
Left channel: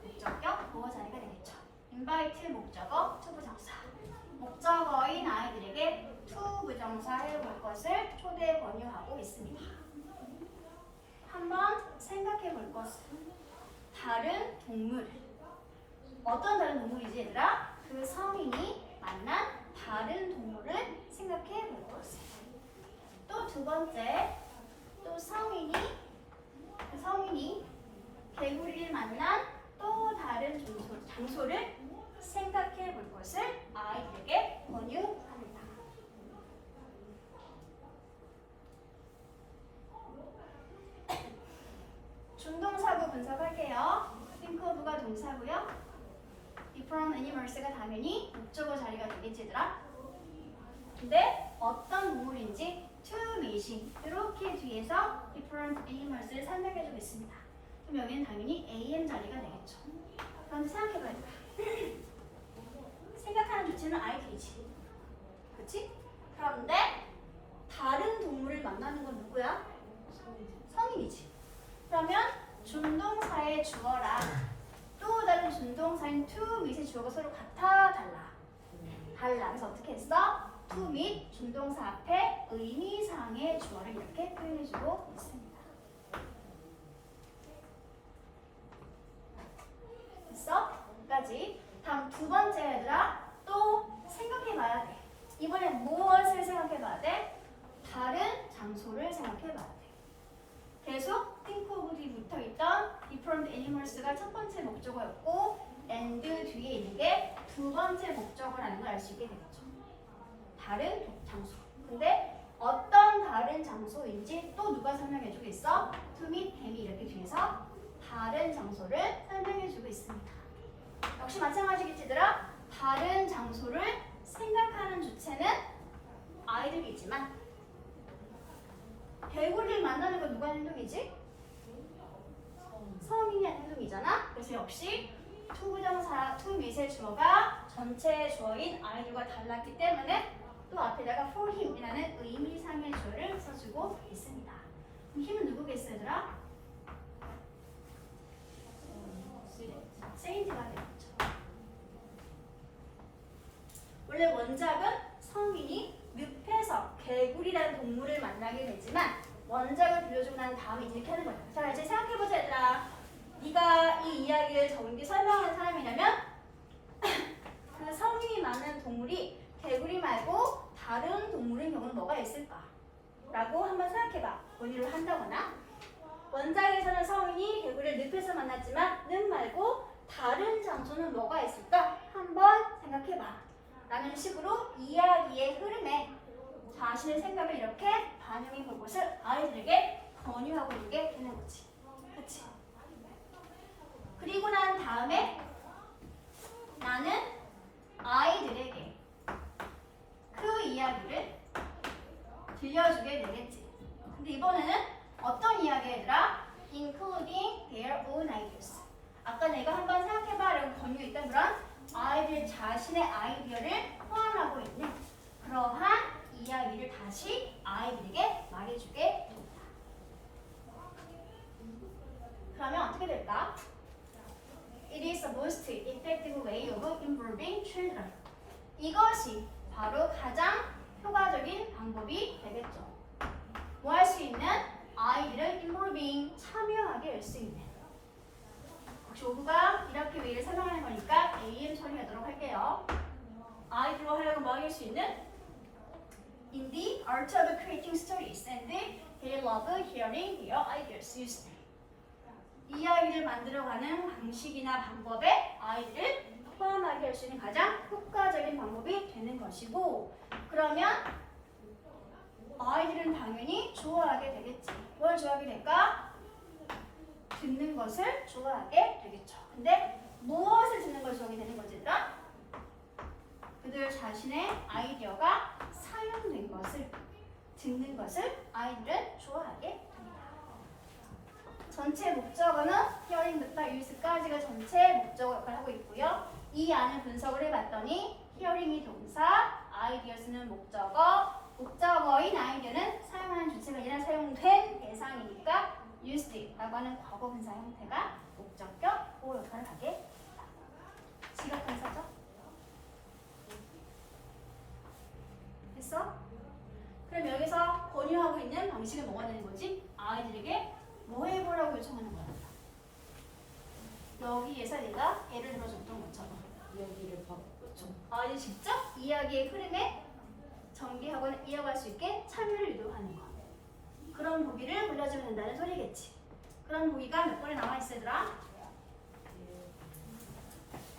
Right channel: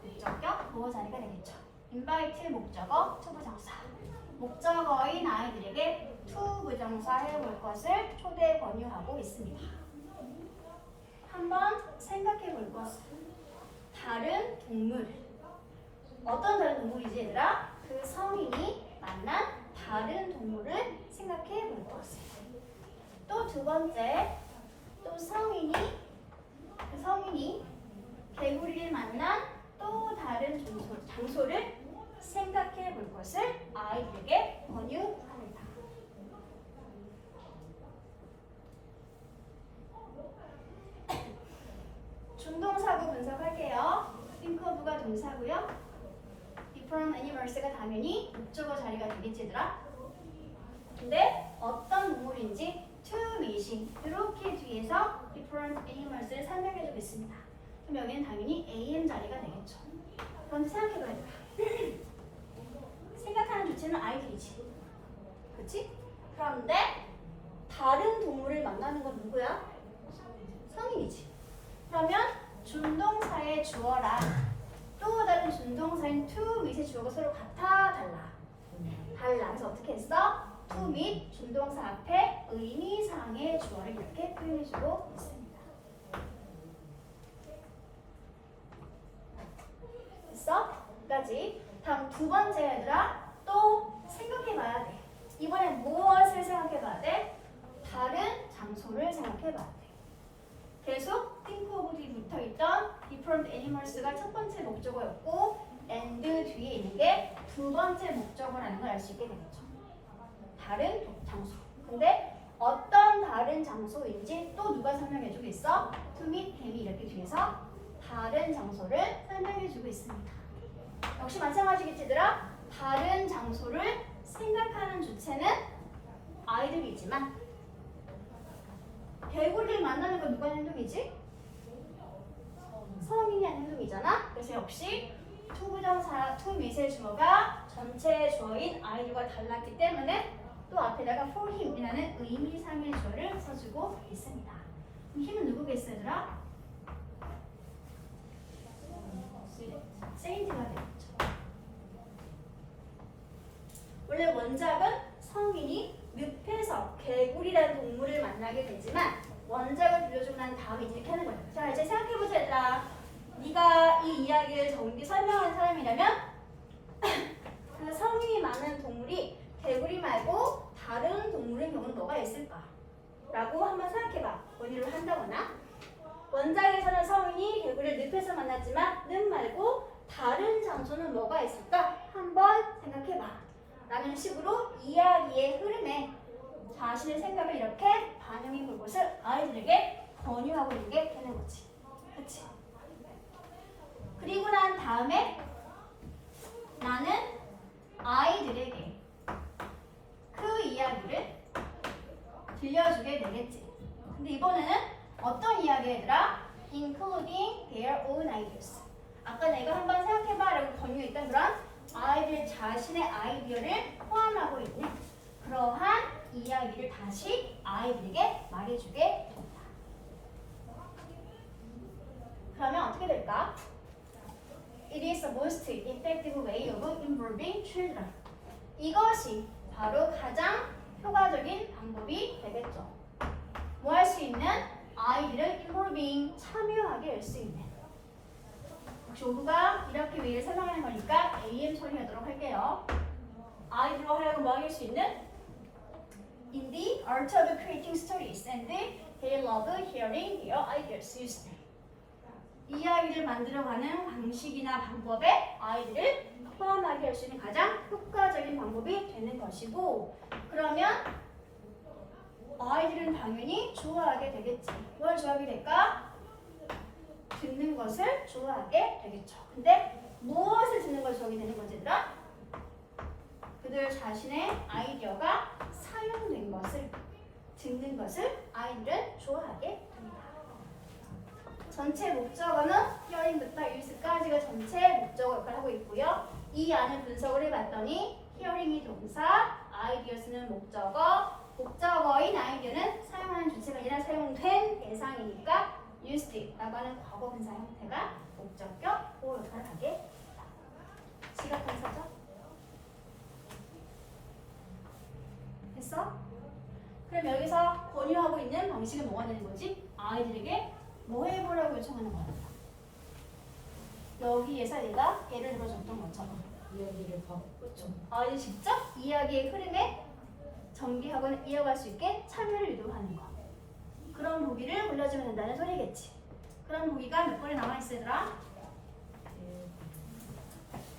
목적격 보호 자리가 되겠죠. invite 목적어, to 부정사. 목적어인 아이들에게 to 부정사 해볼 것을 초대 권유하고 있습니다. 한번 생각해 볼 것은 다른 동물. 어떤 다른 동물이지 얘들아? 그 성인이 만난 다른 동물을 생각해 볼 것을. 또 두 번째, 또 성인이 개구리를 만난 또 다른 장소를 생각해 볼 것을 아이들에게 권유합니다. 중동사구 분석할게요. think of가 동사고요. different animals가 당연히 목적어 자리가 되겠지 얘들아. 근데 어떤 동물인지 to meeting 이렇게 뒤에서 different animals를 설명해주고 있습니다. 그럼 여기는 당연히 am 자리가 되겠죠. 그런데 생각해봐야 돼. 생각하는 주체는 아이들이지. 그렇지? 그런데 다른 동물을 만나는 건 누구야? 성인이지. 그러면 준동사의 주어랑 또 다른 준동사인 to 밑의 주어가 서로 같아 달라? 달라. 그래서 어떻게 했어? to 및 준동사 앞에 의미상의 주어를 이렇게 표현해주고 있습니다. 됐어? 여기까지. 다음 두 번째 얘들아 또 생각해봐야 돼. 이번에 무엇을 생각해봐야 돼? 다른 장소를 생각해봐야 돼. 계속 think of 뒤에 붙어있던 different animals가 첫 번째 목적어였고 and 뒤에 있는 게 두 번째 목적어라는 걸 알 수 있게 되겠죠. 다른 장소. 근데 어떤 다른 장소인지 또 누가 설명해주고 있어? to meet him이 이렇게 뒤에서 다른 장소를 설명해주고 있습니다. 역시 마찬가지겠지 얘들아? 다른 장소를 생각하는 주체는 아이들이지만 개구리를 만나는 건 누가 하는 행동이지? 성인이 하는 행동이잖아. 그래서 역시 to 부정사, to 밑의 주어가 전체 주어인 아이들과 달랐기 때문에 또 앞에다가 for him이라는 의미상의 주어를 써주고 있습니다. 그럼 힘은 누구겠어 얘들아? 세인트가 되겠죠. 원래 원작은 성인이 늪에서 개구리라는 동물을 만나게 되지만 원작을 빌려주고 난 다음에 이렇게 하는 거예요. 자 이제 생각해보자 얘들아. 네가 이 이야기를 정확히 설명하는 사람이라면 그 성인이 많은 동물이 개구리 말고 다른 동물의 경우는 뭐가 있을까? 라고 한번 생각해봐. 원의를 한다거나 원작에서는 성인이 개구리를 늪에서 만났지만 늪 말고 다른 장소는 뭐가 있을까? 한번 생각해봐. 라는 식으로 이야기의 흐름에 자신의 생각을 이렇게 반영해 볼 것을 아이들에게 권유하고 있는 게 되는 거지. 그치? 그리고 난 다음에 나는 아이들에게 그 이야기를 들려주게 되겠지. 근데 이번에는 어떤 이야기 얘들아? Including their own ideas. 아까 내가 한번 생각해봐라고 권유했던 그런 아이들 자신의 아이디어를 포함하고 있는 그러한 이야기를 다시 아이들에게 말해주게 됩니다. 그러면 어떻게 될까? It is the most effective way of involving children. 이것이 바로 가장 효과적인 방법이 되겠죠. 뭐 할 수 있는? 아이들을 involving, 참여하게 할 수 있는. 혹시 오브가 이렇게 웨이를 설명하는 거니까 AM 처리하도록 할게요. 아이들과 하여금 뭐 하게 할 수 있는? In the art of creating stories and they love hearing their ideas used. 이야기를 만들어가는 방식이나 방법에 아이들을 포함하게 할 수 있는 가장 효과적인 방법이 되는 것이고 그러면 아이들은 당연히 좋아하게 되겠지. 뭘 좋아하게 될까? 듣는 것을 좋아하게 되겠죠. 근데 무엇을 듣는 것을 좋아하게 되는 거지 얘들아? 그들 자신의 아이디어가 사용된 것을 듣는 것을 아이들은 좋아하게 됩니다. 전체 목적어는 hearing부터 use까지가 전체 목적어 역할을 하고 있고요. 이 안을 분석을 해봤더니 hearing이 동사, ideas는 목적어, 목적어인 아이디어는 사용하는 주체가 아니라 사용된 대상이니까 used라고 하는 과거 분사 형태가 목적격 보호 역할을 하게 됩니다. 지각 분사죠? 됐어? 그럼 여기서 권유하고 있는 방식은 뭐가 되는 거지? 아이들에게 뭐 해보라고 요청하는 거야? 여기에서 내가 예를 들어줬던 것처럼 이야기를 그렇죠. 아이들 직접 이야기의 흐름에 전개하거나 이어갈 수 있게 참여를 유도하는 거. 그런 보기를 불러주면 된다는 소리겠지. 그런 보기가 몇 번에 남아있어 얘들아?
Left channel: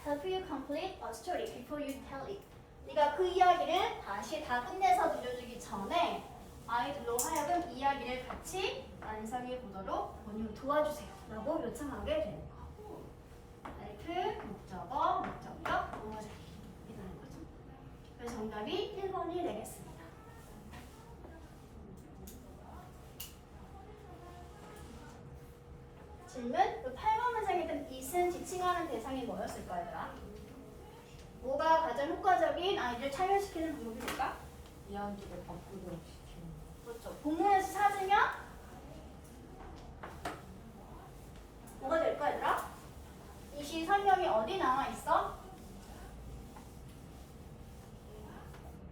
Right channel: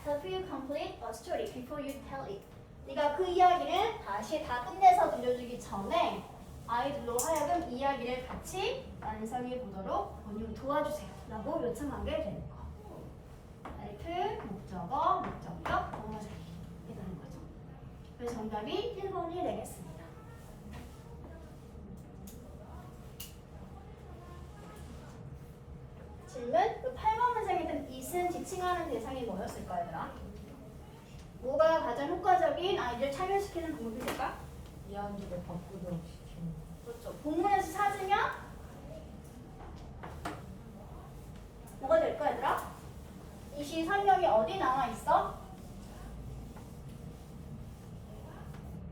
Help you complete a story before you tell it. 네가 그 이야기를 다시 다 끝내서 들려주기 전에 아이들로 하여금 이야기를 같이 완성해 보도록 권유 도와주세요 라고 요청하게 되는 거. 헬프, 목적어, 목적격, 동사절이 이렇게 되는 거죠. 그래서 정답이 1번이 되겠습니다. 질문, 그 8번 문장에 있던 isn't 지칭하는 대상이 뭐였을까 얘들아? 뭐가 가장 효과적인 아이들 참여시키는 방법이 될까? 이해한지를 바꾸도록 시키는 거. 그렇죠. 본문에서 찾으면 뭐가 될까 얘들아? 이 시 설명이 어디 나와 있어?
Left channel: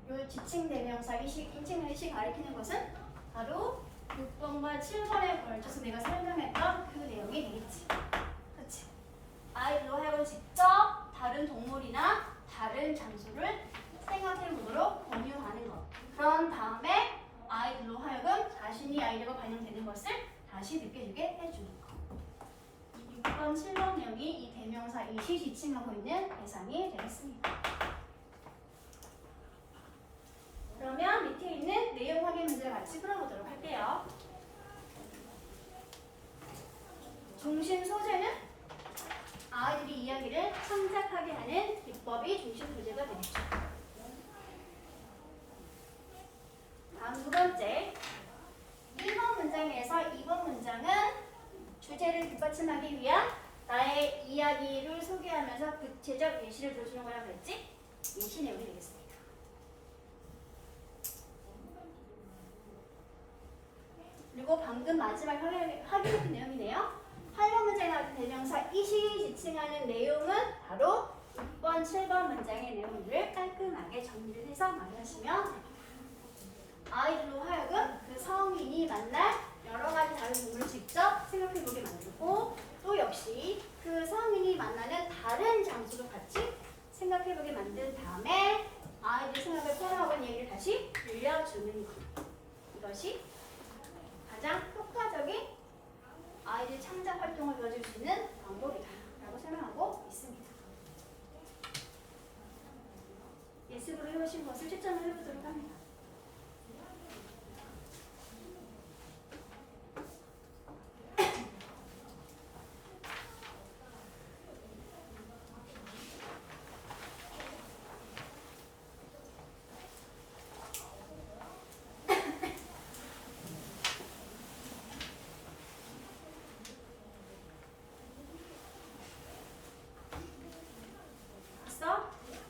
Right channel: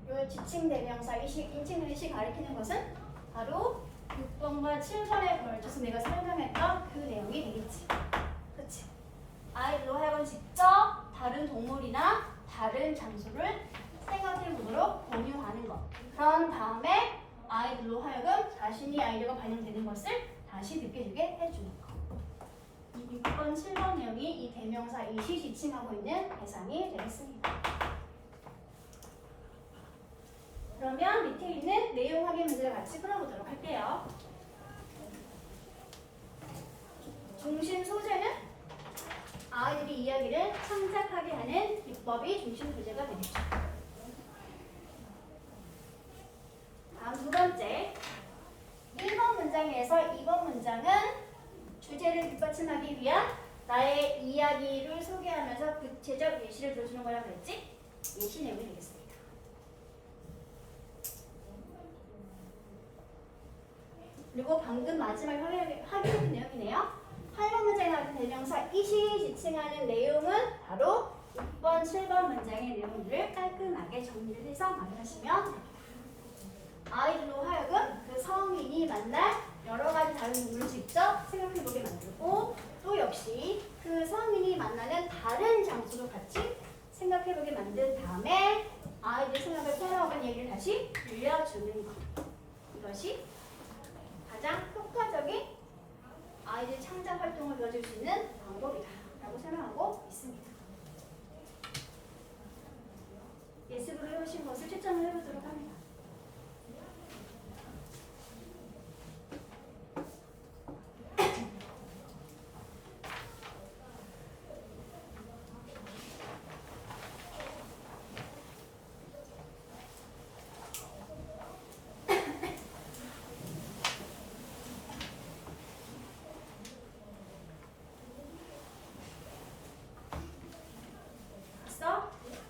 요 지칭 대명사 인칭 의식 가리키는 것은 바로 6번과 7번에 걸쳐서 내가 설명했던 그 내용이 되겠지. 그치? 아이들로 하여금 직접 다른 동물이나 다른 장소를 생각해보도록 권유하는 것. 그런 다음에 아이들로 하여금 자신이 아이디어가 반영되는 것을 다시 느껴지게 해주는 것. 6번, 7번 내용이 이 대명사 이시 지칭하고 있는 대상이 되겠습니다. 그러면 밑에 있는 내용 확인 문제를 같이 풀어보도록 할게요. 중심 소재는 아이들이 이야기를 창작하게 하는 기법이 중심 소재가 되겠죠. 다음 두 번째, 1번 문장에서 2번 문장은 주제를 뒷받침하기 위한 나의 이야기를 소개하면서 구체적 예시를 들어주는 거라고 했지? 예시 내용이 되겠습니다. 그리고 방금 마지막 확인했던 내용이네요. 8번 문장에 나온 대명사 이시 지칭하는 내용은 바로 6번, 7번 문장의 내용들을 깔끔하게 정리를 해서 말하시면 됩니다. 아이들로 하여금 그 성인이 만날 여러 가지 다른 인물을 직접 생각해보게 만들고 또 역시 그 성인이 만나는 다른 장소도 같이 생각해보게 만든 다음에 아이들 생각을 풀어오는 얘기를 다시 들려주는 것. 이것이 가장 효과적인 아이들 창작 활동을 보여줄 수 있는 방법이다 라고 설명하고 있습니다. 예습으로 해오신 것을 채점을 해보도록 합니다.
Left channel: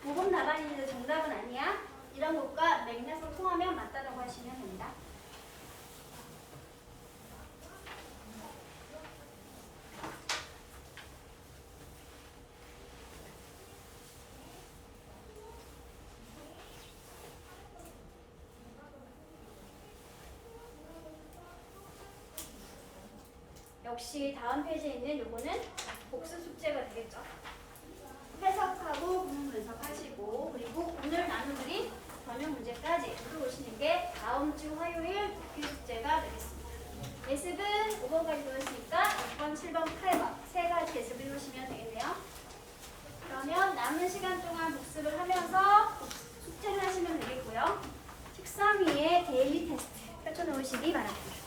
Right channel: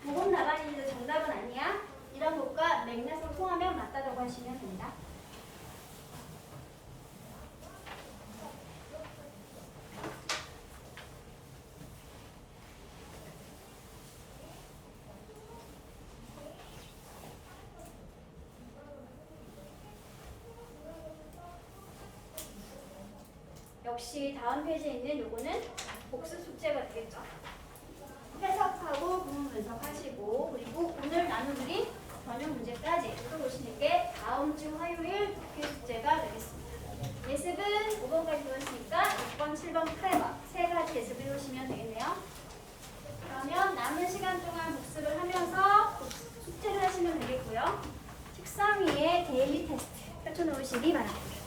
모범 나발인데 정답은 아니야. 이런 것과 맥락을 통하면 맞다라고 하시면 됩니다. 역시 다음 페이지에 있는 요거는 복습 숙제가 되겠죠. 해석하고 구문 분석하시고 그리고 오늘 나눠드린 전형 문제까지 풀어보시는 게 다음 주 화요일 독해 숙제가 되겠습니다. 예습은 5번까지 배웠으니까 6번, 7번, 8번 세 가지 예습을 해오시면 되겠네요. 그러면 남은 시간 동안 복습을 하면서 숙제를 하시면 되겠고요. 책상 위에 데일리 테스트 펼쳐놓으시기 바랍니다.